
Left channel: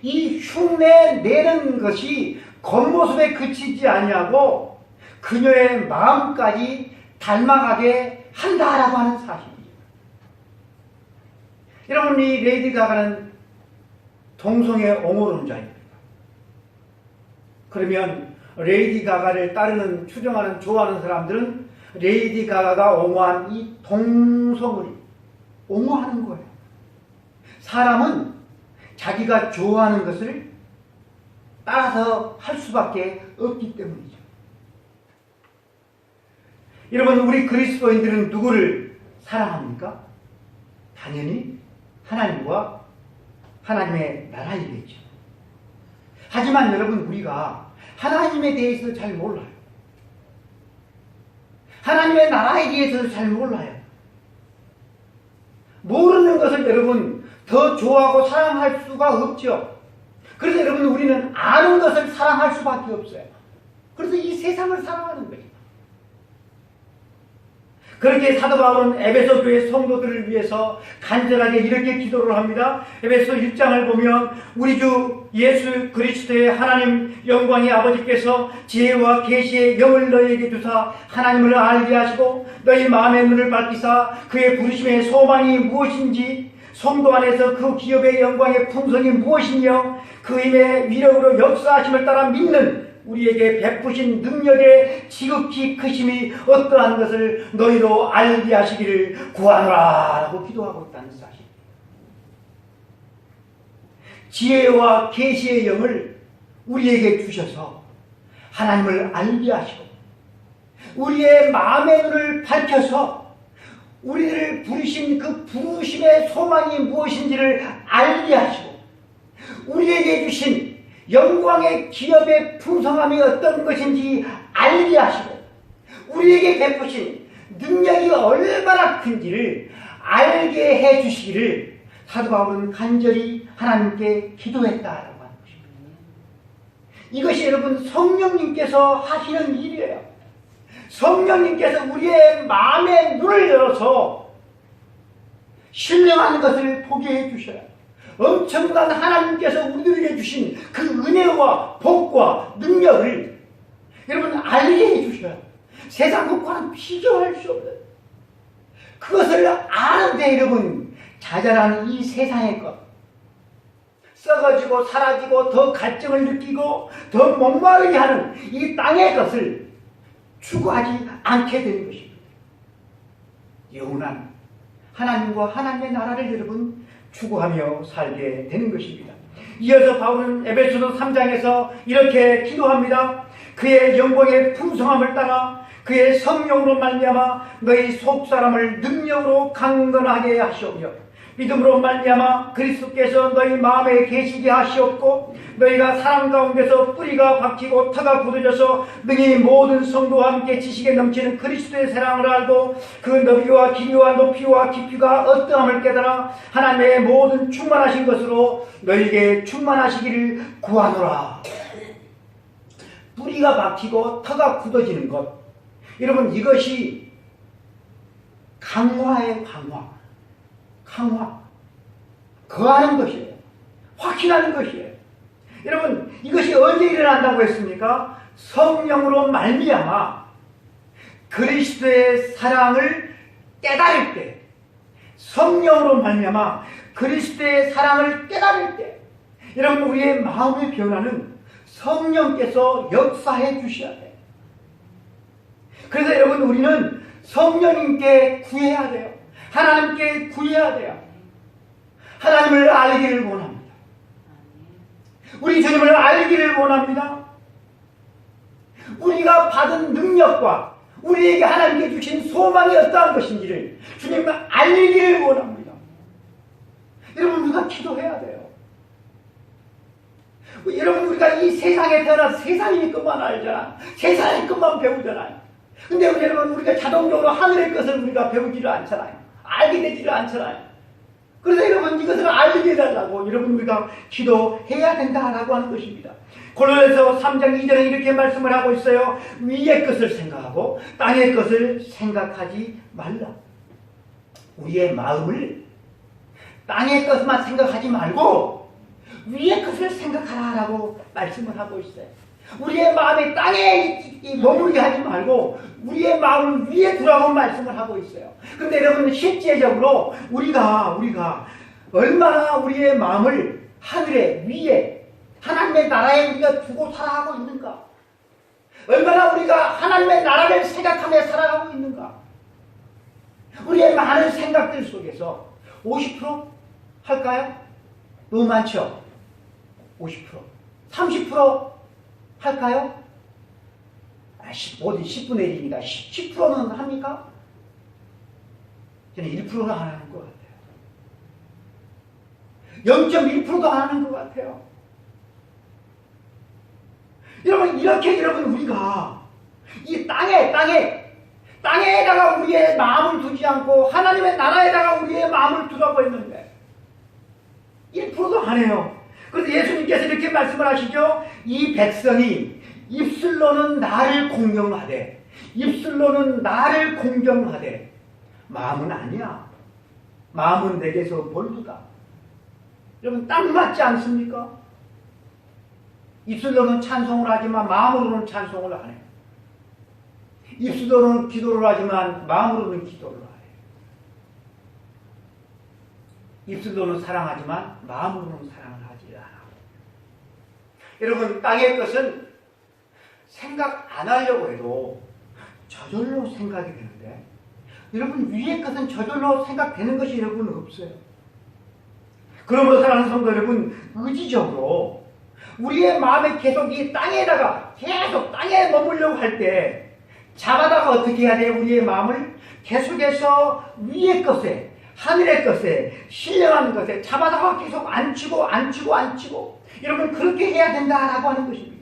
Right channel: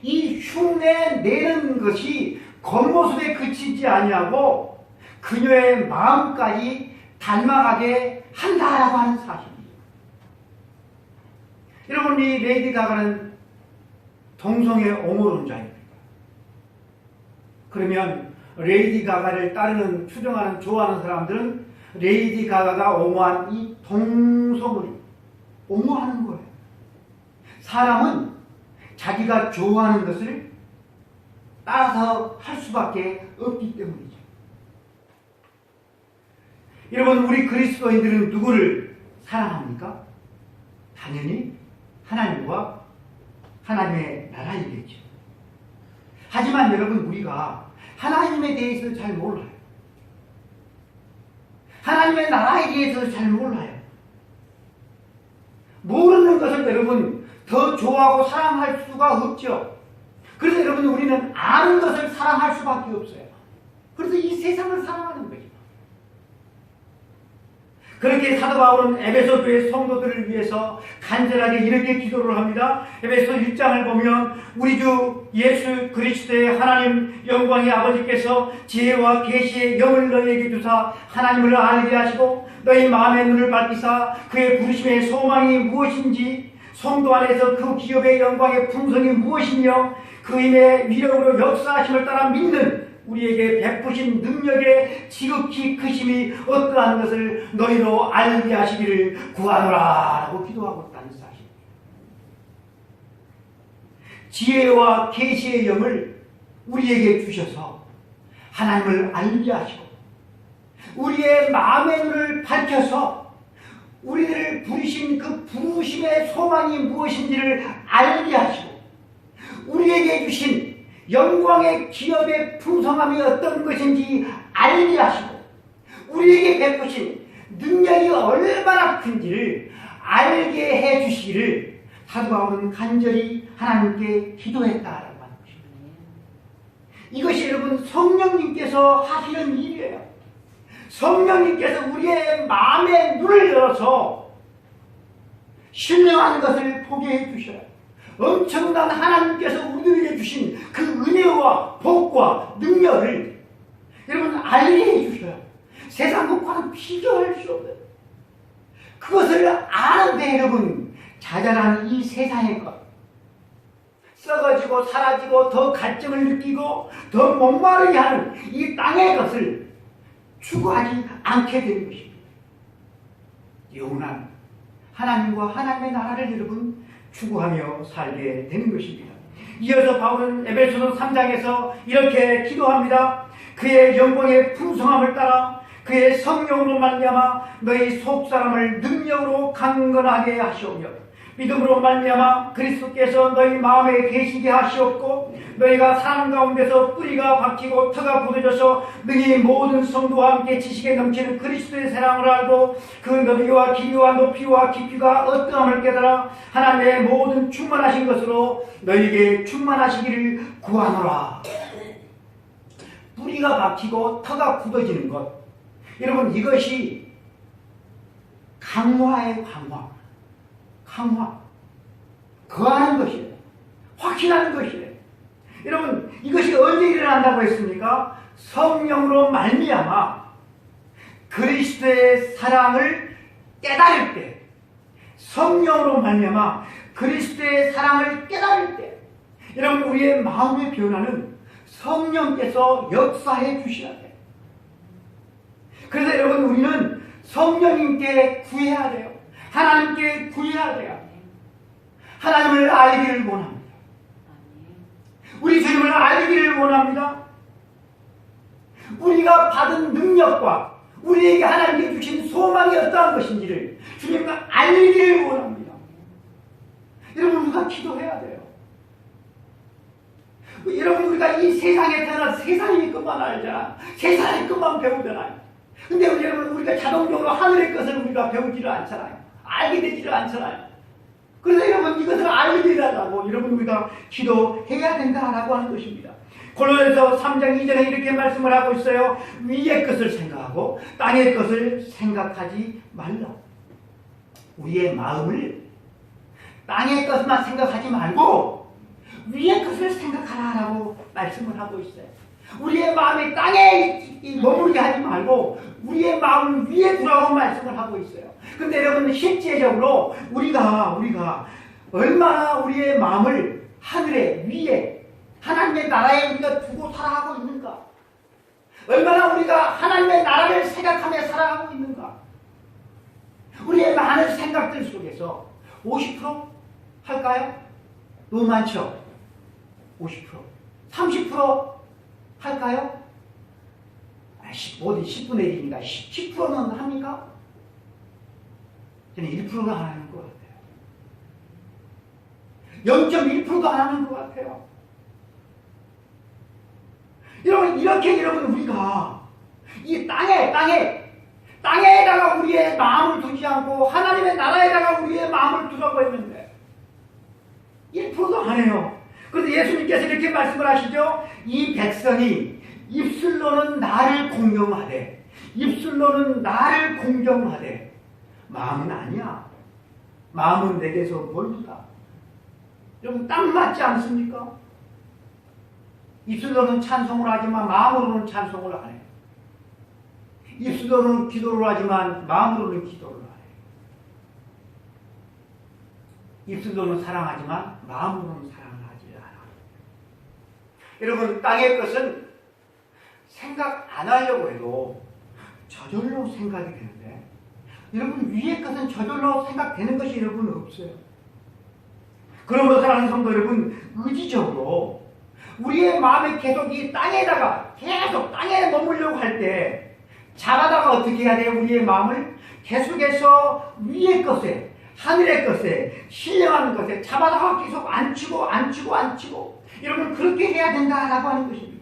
이 흉내 내는 것이 겉모습에 그치지 아니하고 그녀의 마음까지 닮아가게 한다라고 하는 사실이에요. 여러분, 이 레이디 가가는 동성애 옹호론자입니다. 그러면 레이디 가가를 따르는, 추종하는, 좋아하는 사람들은 레이디 가가가 옹호한 이 동성을 옹호하는 거예요. 사람은 자기가 좋아하는 것을 따라서 할 수밖에 없기 때문이죠. 여러분, 우리 그리스도인들은 누구를 사랑합니까? 당연히 하나님과 하나님의 나라이겠죠. 하지만 여러분, 우리가 하나님에 대해서 잘 몰라요. 하나님의 나라에 대해서 잘 몰라요. 모르는 것을 여러분 더 좋아하고 사랑할 수가 없죠. 그래서 여러분, 우리는 아는 것을 사랑할 수밖에 없어요. 그래서 이 세상을 사랑하는 거죠. 그렇게 사도 바울은 에베소 교회 성도들을 위해서 간절하게 이렇게 기도를 합니다. 에베소 1장을 보면 우리 주 예수 그리스도의 하나님 영광의 아버지께서 지혜와 계시의 영을 너희에게 주사 하나님을 알게 하시고 너희 마음의 눈을 밝히사 그의 부르심의 소망이 무엇인지, 성도 안에서 그 기업의 영광의 풍성이 무엇이며 그 힘의 위력으로 역사하심을 따라 믿는 우리에게 베푸신 능력의 지극히 크심이 어떠한 것을 너희로 알게 하시기를 구하노라 라고 기도하고 있다는 사실입니다. 지혜와 계시의 영을 우리에게 주셔서 하나님을 알게 하시고 우리의 마음의 눈을 밝혀서 우리를 부르신 그 부르심의 소망이 무엇인지를 알게 하시고 우리에게 주신 영광의 기업의 풍성함이 어떤 것인지 알게 하시고 우리에게 베푸신 능력이 얼마나 큰지를 알게 해주시기를 사도 바울은 간절히 하나님께 기도했다라고 하는 것입니다. 이것이 여러분 성령님께서 하시는 일이에요. 성령님께서 우리의 마음의 눈을 열어서 신령한 것을 보게 해주셔요. 엄청난 하나님께서 우리들에게 주신 그 은혜와 복과 능력을 여러분 알게 해주셔요. 세상 것과는 비교할 수 없는 그것을 아는데 여러분 자잘한 이 세상의 것 썩어지고 사라지고 더 갈증을 느끼고 더 목마르게 하는 이 땅의 것을 추구하지 않게 되는 것입니다. 영원한 하나님과 하나님의 나라를 여러분 추구하며 살게 되는 것입니다. 이어서 바울은 에베소서 3장에서 이렇게 기도합니다. 그의 영광의 풍성함을 따라 그의 성령으로 말미암아 너희 속사람을 능력으로 강건하게 하시오며 믿음으로 말미암아 그리스도께서 너희 마음에 계시게 하시옵고 너희가 사랑 가운데서 뿌리가 박히고 터가 굳어져서 능히 모든 성도와 함께 지식에 넘치는 그리스도의 사랑을 알고 그 너비와 길이와 높이와 깊이가 어떠함을 깨달아 하나님의 모든 충만하신 것으로 너희에게 충만하시기를 구하노라. 뿌리가 박히고 터가 굳어지는 것, 여러분 이것이 강화의 강화, 거하는 것이에요. 확신하는 것이에요. 여러분 이것이 언제 일어난다고 했습니까? 성령으로 말미암아 그리스도의 사랑을 깨달을 때, 성령으로 말미암아 그리스도의 사랑을 깨달을 때, 여러분 우리의 마음의 변화는 성령께서 역사해 주셔야 돼요. 그래서 여러분 우리는 성령님께 구해야 돼요. 하나님께 구해야 돼요. 하나님을 알기를 원합니다. 우리 주님을 알기를 원합니다. 우리가 받은 능력과 우리에게 하나님께 주신 소망이 어떠한 것인지를 주님을 알기를 원합니다. 여러분 우리가 기도해야 돼요. 여러분 우리가 이 세상에 태어나서 세상의 것만 알잖아. 세상의 것만 배우잖아요. 근데 여러분, 우리가 자동적으로 하늘의 것을 우리가 배우지를 않잖아요. 알게 되지를 않잖아요. 그래서 여러분, 이것을 알게 해달라고 여러분 우리가 기도해야 된다라고 하는 것입니다. 골로새서 3장 2절에 이렇게 말씀을 하고 있어요. 위의 것을 생각하고 땅의 것을 생각하지 말라. 우리의 마음을 땅의 것만 생각하지 말고 위의 것을 생각하라라고 말씀을 하고 있어요. 우리의 마음이 땅에 머무르게 하지 말고 우리의 마음을 위에 두라고 말씀을 하고 있어요. 근데 여러분, 실제적으로 우리가 얼마나 우리의 마음을 하늘에 위에 하나님의 나라에 우리가 두고 살아가고 있는가? 얼마나 우리가 하나님의 나라를 생각하며 살아가고 있는가? 우리의 많은 생각들 속에서 50% 할까요? 너무 많죠? 50%, 30% 할까요? 모든 10분의 1이니까 10%는 합니까? 저는 1%도 안 하는 것 같아요. 0.1%도 안 하는 것 같아요. 여러분, 이렇게 여러분 우리가 이 땅에다가 우리의 마음을 두지 않고 하나님의 나라에다가 우리의 마음을 두라고 했는데 1%도 안 해요. 그래서 예수님께서 이렇게 말씀을 하시죠. 이 백성이 입술로는 나를 공경하되 마음은 아니야. 마음은 내게서 멀다. 여러분, 딱 맞지 않습니까? 입술로는 찬송을 하지만 마음으로는 찬송을 안 해요. 입술로는 기도를 하지만 마음으로는 기도를 안 해요. 입술로는 사랑하지만 마음으로는 사랑을 하지 않아. 여러분, 땅의 것은 생각 안 하려고 해도 저절로 생각이 되는데, 여러분, 위의 것은 저절로 생각되는 것이 여러분 없어요. 그러므로 사랑하는 성도 여러분, 의지적으로 우리의 마음에 계속 이 땅에 머물려고 할 때 잡아다가 어떻게 해야 돼요? 우리의 마음을 계속해서 위의 것에, 하늘의 것에, 신령한 것에 잡아다가 계속 앉히고 여러분, 그렇게 해야 된다라고 하는 것입니다.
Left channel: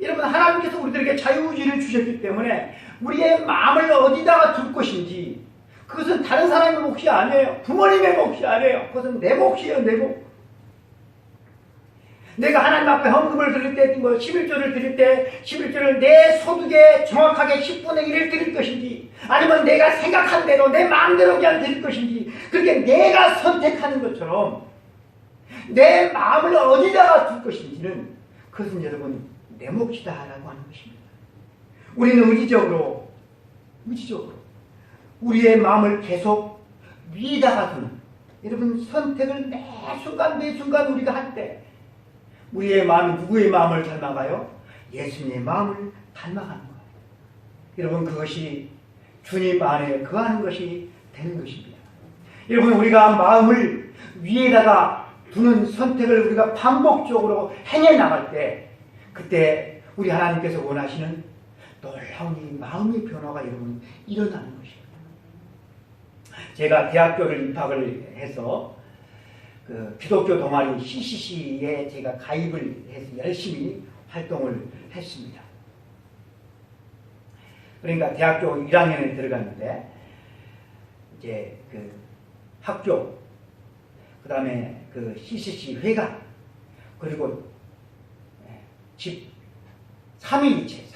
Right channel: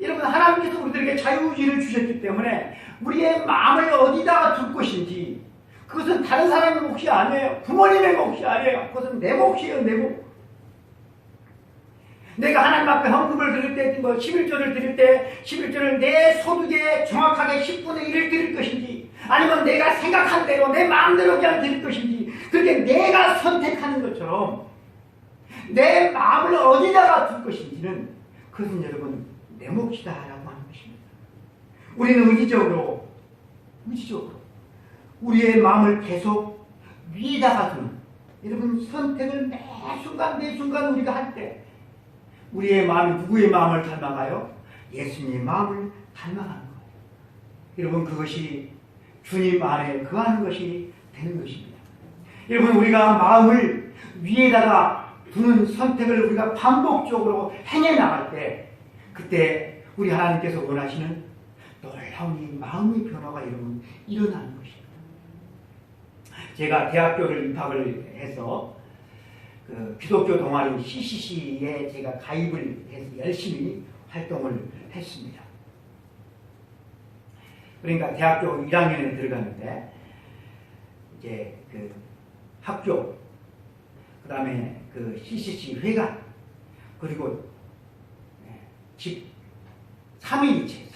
여러분, 하나님께서 우리들에게 자유의지를 주셨기 때문에 우리의 마음을 어디다가 둘 것인지, 그것은 다른 사람의 몫이 아니에요. 부모님의 몫이 아니에요. 그것은 내 몫이에요. 내 몫. 내가 하나님 앞에 헌금을 드릴 때, 11조를 드릴 때 11조를 내 소득에 정확하게 10분의 1을 드릴 것인지, 아니면 내가 생각한 대로 내 마음대로 그냥 드릴 것인지, 그렇게 내가 선택하는 것처럼 내 마음을 어디다가 둘 것인지는 그것은 여러분 내 몫이다라고 하는 것입니다. 우리는 의지적으로 우리의 마음을 계속 위에다가 두는, 여러분, 선택을 매 순간 우리가 할 때 우리의 마음이 누구의 마음을 닮아가요? 예수님의 마음을 닮아가는 거예요. 여러분, 그것이 주님 안에 거하는 것이 되는 것입니다. 여러분, 우리가 마음을 위에다가 두는 선택을 우리가 반복적으로 행해 나갈 때, 그때 우리 하나님께서 원하시는 놀라운 이 마음의 변화가 여러분 일어나는 것입니다. 제가 대학교를 입학을 해서 그 기독교 동아리 CCC에 제가 가입을 해서 열심히 활동을 했습니다. 그러니까 대학교 1학년에 들어갔는데, 이제 그 학교, 그 다음에 그 CCC 회관, 그리고 집 3위일체.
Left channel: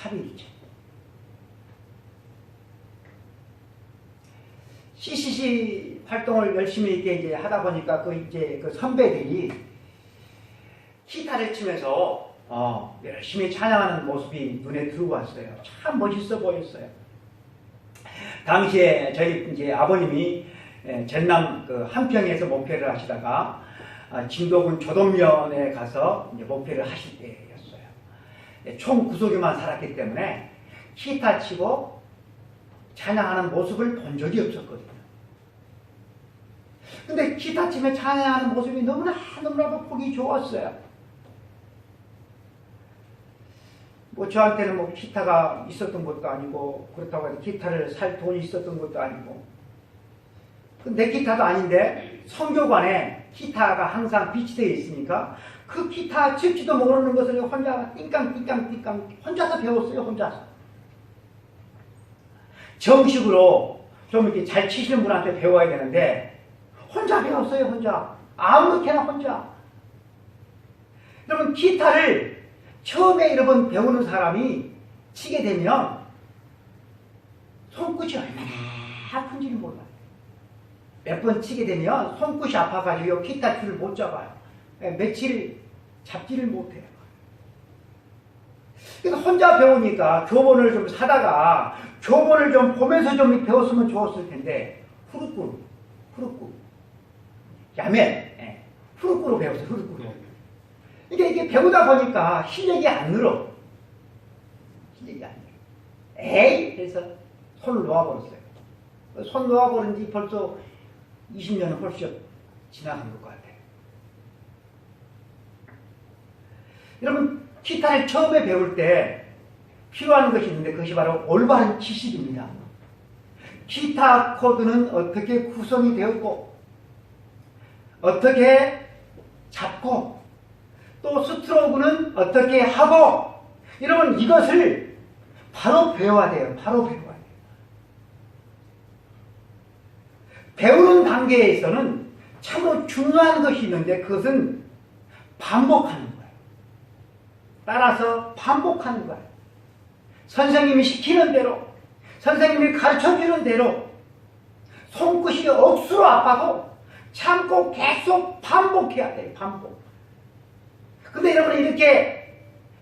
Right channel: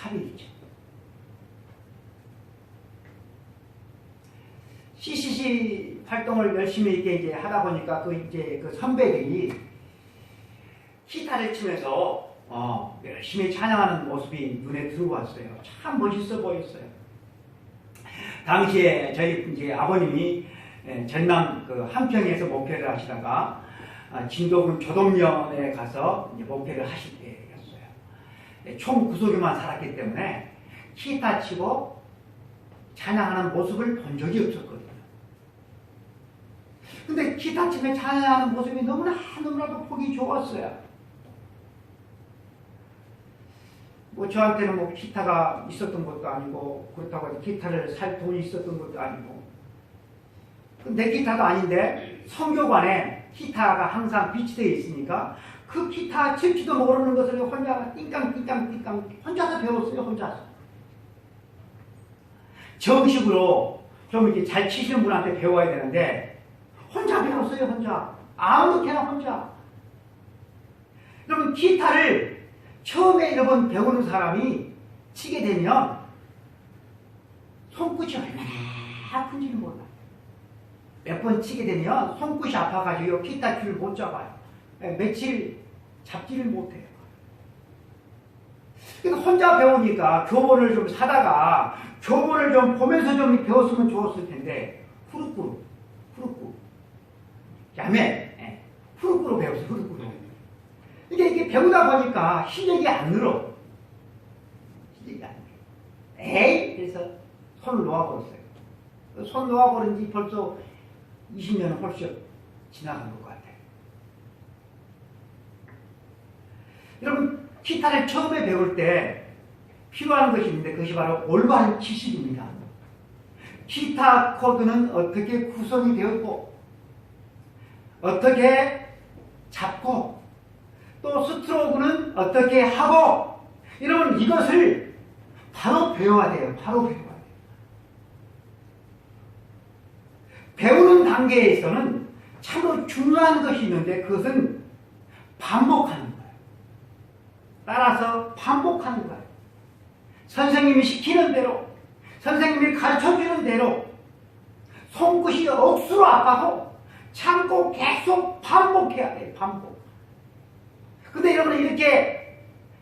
CCC 활동을 열심히 이제 하다 보니까 그 선배들이 기타를 치면서 열심히 찬양하는 모습이 눈에 들어왔어요. 참 멋있어 보였어요. 당시에 저희 이제 아버님이 전남 그 한평에서 목회를 하시다가 진도군 조동면에 가서 이제 목회를 하실 때였어요. 총 구속에만 살았기 때문에 기타 치고 찬양하는 모습을 본 적이 없었거든요. 근데 기타 치며 찬양하는 모습이 너무나도 보기 좋았어요. 뭐 저한테는 뭐 기타가 있었던 것도 아니고, 그렇다고 해서 기타를 살 돈이 있었던 것도 아니고, 내 기타도 아닌데 성교관에 기타가 항상 비치되어 있으니까 그 기타 칠지도 모르는 것을 혼자 띵깡 혼자서 배웠어요. 혼자서. 정식으로 좀 이렇게 잘 치시는 분한테 배워야 되는데 혼자 배웠어요. 혼자. 아무렇게나 혼자. 여러분 기타를 처음에 여러분 배우는 사람이 치게 되면 손끝이 얼마나 아픈지는 몰라요. 몇 번 치게 되면 손끝이 아파가지고 기타 줄을 못 잡아요. 며칠 잡지를 못해요. 그래서 혼자 배우니까 교본을 좀 사다가 교본을 좀 보면서 좀 배웠으면 좋았을 텐데 후루꾸루 야매 후루꾸루 배웠어요. 후루꾸루. 이게 배우다 보니까 실력이 안 늘어. 실력이 안 늘어. 에이! 그래서 손을 놓아버렸어요. 손 놓아버린 지 벌써 20년은 훨씬 지나간 것 같아요. 여러분 기타를 처음에 배울 때 필요한 것이 있는데 그것이 바로 올바른 지식입니다. 기타 코드는 어떻게 구성이 되었고 어떻게 잡고 또 스트로크는 어떻게 하고 여러분 이것을 바로 배워야 돼요. 바로 배워야 돼요. 배우는 단계에서는 참으로 중요한 것이 있는데 그것은 반복하는 거예요. 따라서 반복하는 거예요. 선생님이 시키는 대로 선생님이 가르쳐주는 대로 손끝이 억수로 아파도 참고 계속 반복해야 돼요. 반복. 근데 여러분 이렇게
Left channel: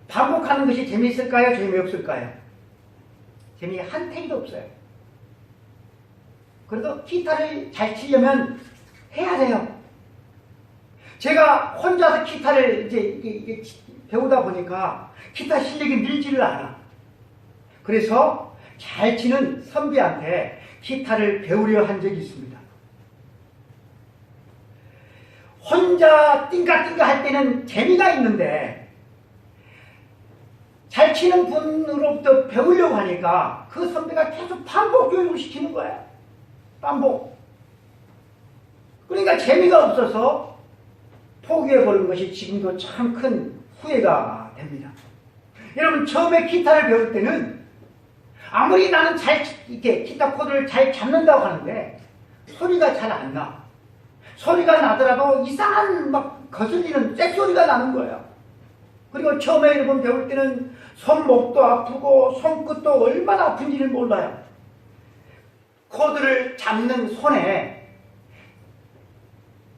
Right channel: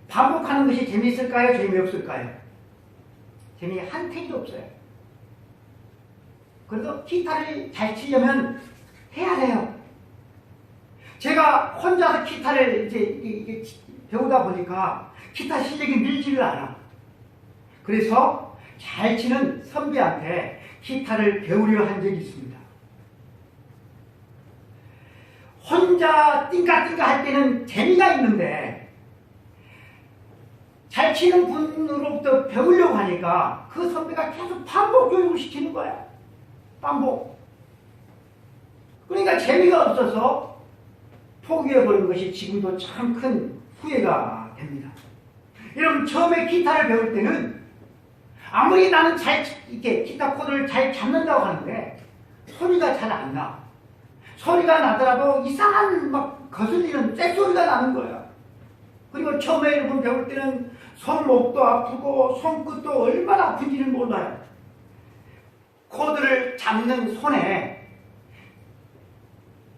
반복하는 것이 재미있을까요? 재미없을까요? 재미 한 탱이도 없어요. 그래도 기타를 잘 치려면 해야 돼요. 제가 혼자서 기타를 이게 배우다 보니까 기타 실력이 늘지를 않아. 그래서 잘 치는 선배한테 기타를 배우려 한 적이 있습니다. 혼자 띵까띵까 할 때는 재미가 있는데 잘 치는 분으로부터 배우려고 하니까 그 선배가 계속 반복 교육을 시키는 거예요. 반복. 그러니까 재미가 없어서 포기해버린 것이 지금도 참 큰 후회가 됩니다. 여러분 처음에 기타를 배울 때는 아무리 나는 이렇게 기타 코드를 잘 잡는다고 하는데 소리가 잘 안 나. 소리가 나더라도 이상한 막 거슬리는 쇳소리가 나는 거예요. 그리고 처음에 여러분 배울 때는 손목도 아프고 손끝도 얼마나 아픈지를 몰라요. 코드를 잡는 손에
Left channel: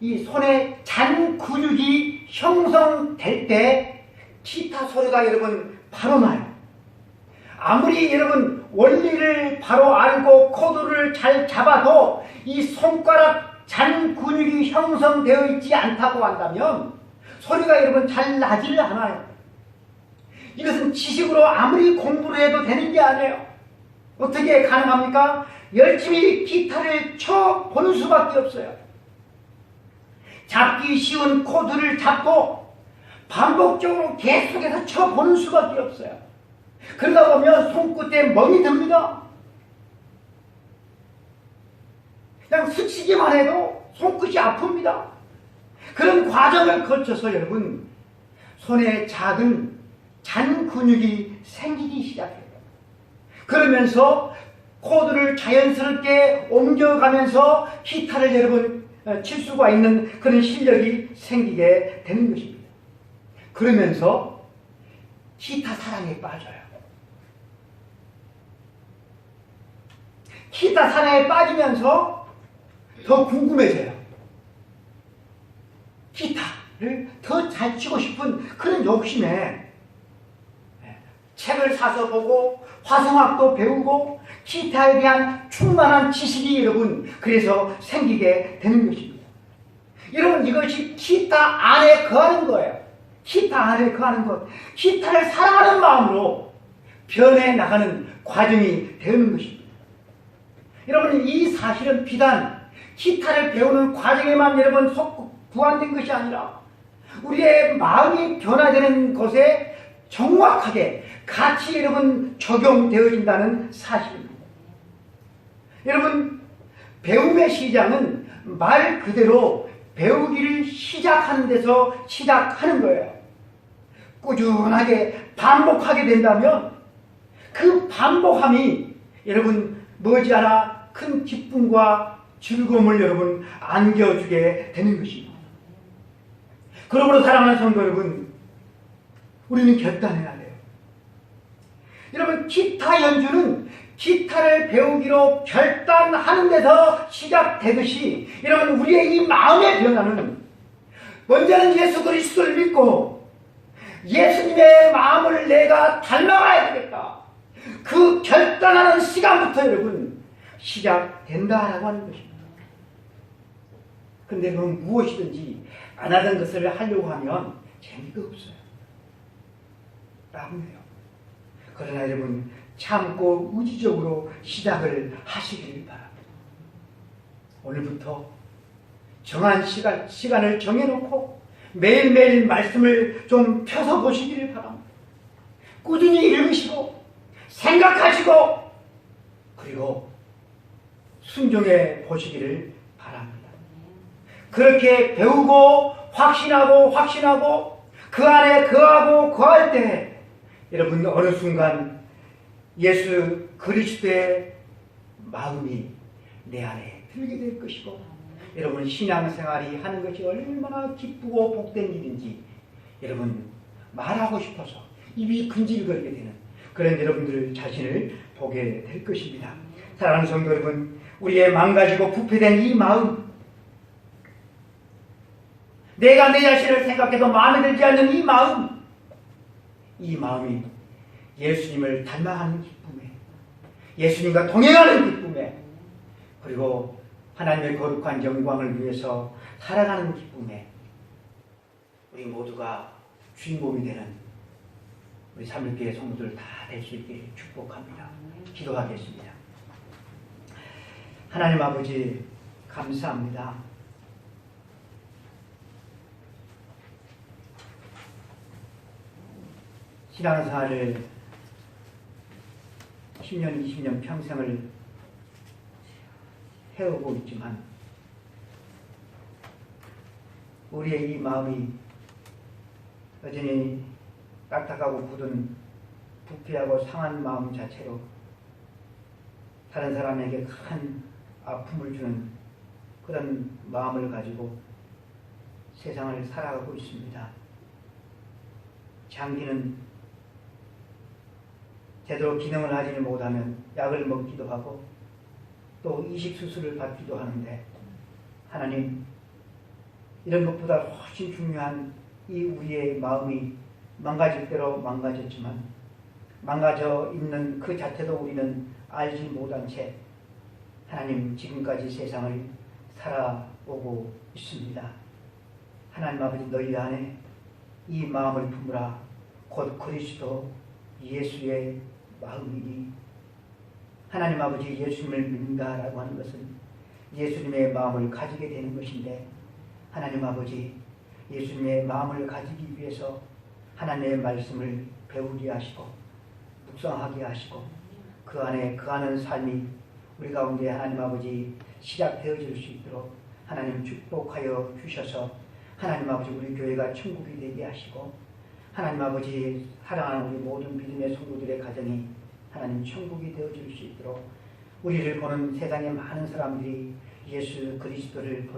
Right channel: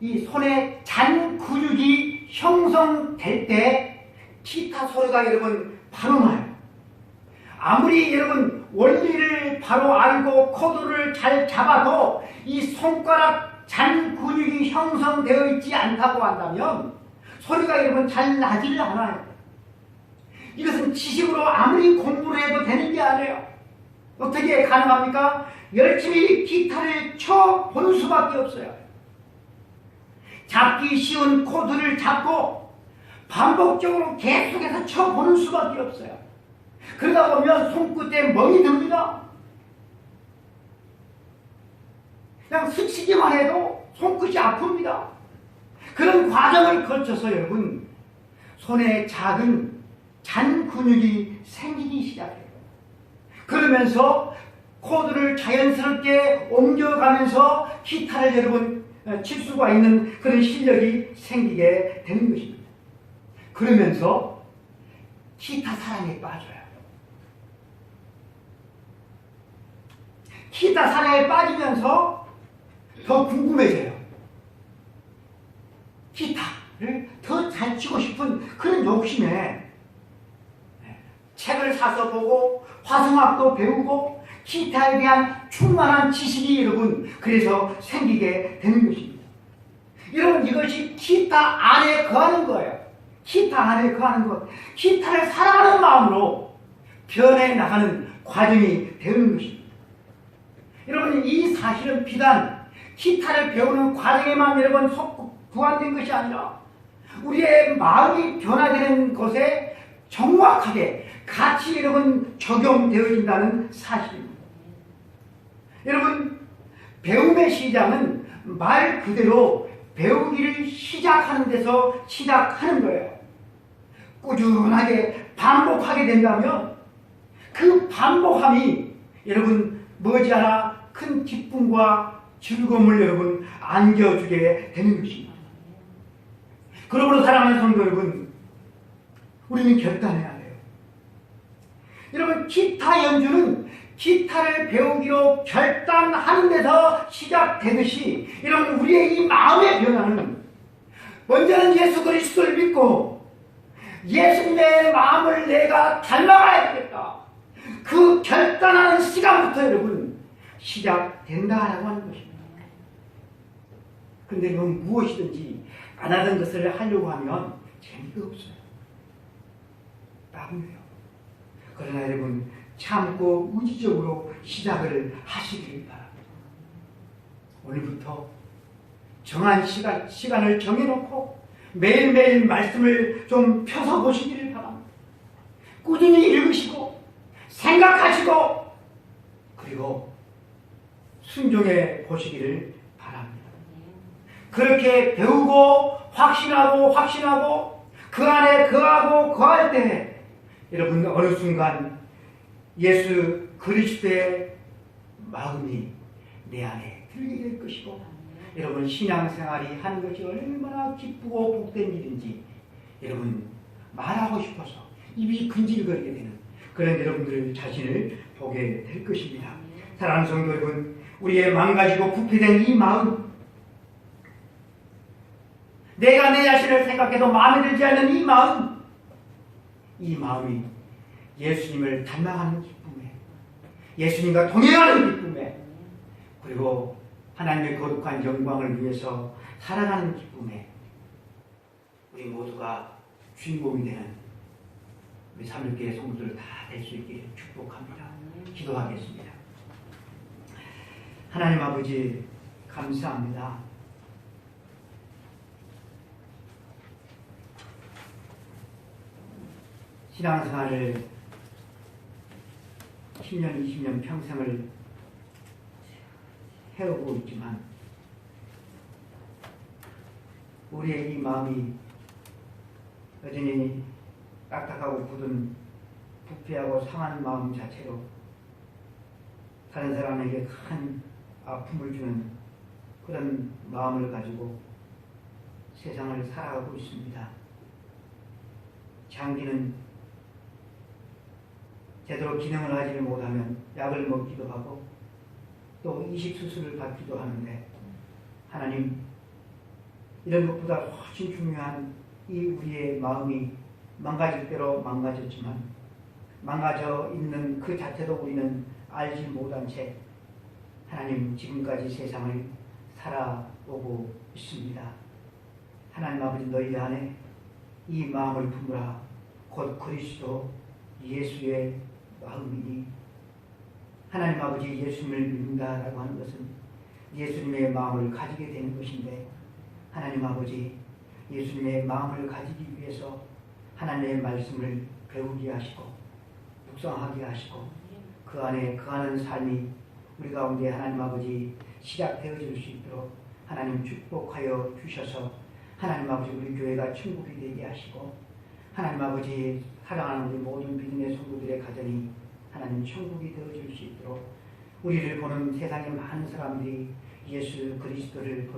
이 손에 잔 근육이 형성될 때 기타 소리가 여러분 바로 나요. 아무리 여러분 원리를 바로 알고 코드를 잘 잡아도 이 손가락 잔 근육이 형성되어 있지 않다고 한다면 소리가 여러분 잘 나지를 않아요. 이것은 지식으로 아무리 공부를 해도 되는 게 아니에요. 어떻게 가능합니까? 열심히 기타를 쳐보는 수밖에 없어요. 잡기 쉬운 코드를 잡고 반복적으로 계속해서 쳐보는 수밖에 없어요. 그러다 보면 손끝에 멍이 듭니다. 그냥 스치기만 해도 손끝이 아픕니다. 그런 과정을 거쳐서 여러분 손에 작은 잔 근육이 생기기 시작해요. 그러면서 코드를 자연스럽게 옮겨가면서 기타를 여러분 칠 수가 있는 그런 실력이 생기게 되는 것입니다. 그러면서 기타 사랑에 빠져요. 기타 사랑에 빠지면서 더 궁금해져요. 기타를 더 잘 치고 싶은 그런 욕심에 책을 사서 보고 화성학도 배우고 기타에 대한 충만한 지식이 여러분 그래서 생기게 되는 것입니다. 여러분 이것이 기타 안에 거하는 거예요. 기타 안에 거하는 것. 기타를 사랑하는 마음으로 변해 나가는 과정이 되는 것입니다. 여러분 이 사실은 비단 기타를 배우는 과정에만 여러분 구한된 것이 아니라 우리의 마음이 변화되는 것에 정확하게 같이 여러분 적용되어진다는 사실입니다. 여러분 배움의 시작은 말 그대로 배우기를 시작하는 데서 시작하는 거예요. 꾸준하게 반복하게 된다면 그 반복함이 여러분 머지않아 큰 기쁨과 즐거움을 여러분 안겨주게 되는 것입니다. 그러므로 사랑하는 성도 여러분, 우리는 결단해야 돼요. 여러분, 기타 연주는 기타를 배우기로 결단하는 데서 시작되듯이 여러분 우리의 이 마음의 변화는 먼저는 예수 그리스도를 믿고 예수님의 마음을 내가 닮아가야 되겠다. 그 결단하는 시간부터 여러분 시작된다라고 하는 것입니다. 그런데 무엇이든지 안 하던 것을 하려고 하면 재미가 없어요. 나쁘네요. 그러나 여러분 참고 의지적으로 시작을 하시길 바랍니다. 오늘부터 정한 시간을 정해놓고 매일매일 말씀을 좀 펴서 보시기를 바랍니다. 꾸준히 읽으시고 생각하시고 그리고 순종해 보시기를 바랍니다. 그렇게 배우고 확신하고 그 안에 거할 때 여러분 어느 순간 예수 그리스도의 마음이 내 안에 들게 될 것이고 여러분 신앙생활이 하는 것이 얼마나 기쁘고 복된 일인지 여러분 말하고 싶어서 입이 근질거리게 되는 그런 여러분들 자신을 보게 될 것입니다. 사랑하는 성도 여러분, 우리의 망가지고 부패된 이 마음, 내가 내 자신을 생각해도 마음에 들지 않는 이 마음이 예수님을 닮아가는 기쁨에, 예수님과 동행하는 기쁨에, 그리고 하나님의 거룩한 영광을 위해서 살아가는 기쁨에 우리 모두가 주인공이 되는 우리 삼일교회 성도들 다 될 수 있기를 축복합니다. 기도하겠습니다. 하나님 아버지 감사합니다. 신앙생활을 10년, 20년 평생을 해오고 있지만 우리의 이 마음이 여전히 딱딱하고 굳은 부패하고 상한 마음 자체로 다른 사람에게 큰 아픔을 주는 그런 마음을 가지고 세상을 살아가고 있습니다. 장기는 제대로 기능을 하지를 못하면 약을 먹기도 하고 또 이식수술을 받기도 하는데 하나님, 이런 것보다 훨씬 중요한 이 우리의 마음이 망가질 대로 망가졌지만 망가져 있는 그 자체도 우리는 알지 못한 채 하나님 지금까지 세상을 살아오고 있습니다. 하나님 아버지, 너희 안에 이 마음을 품으라. 곧 그리스도 예수의 마음이니, 하나님 아버지 예수님을 믿는다라고 하는 것은 예수님의 마음을 가지게 되는 것인데, 하나님 아버지 예수님의 마음을 가지기 위해서 하나님의 말씀을 배우게 하시고 묵상하게 하시고 그 안에 거하는 삶이 우리 가운데 하나님 아버지 시작되어질 수 있도록 하나님 축복하여 주셔서 하나님 아버지 우리 교회가 천국이 되게 하시고 하나님 아버지 사랑하는 우리 모든 믿음의 성도들의 가정이 하나님 천국이 되어질 수 있도록 우리를 보는 세상의 많은 사람들이 예수 그리스도를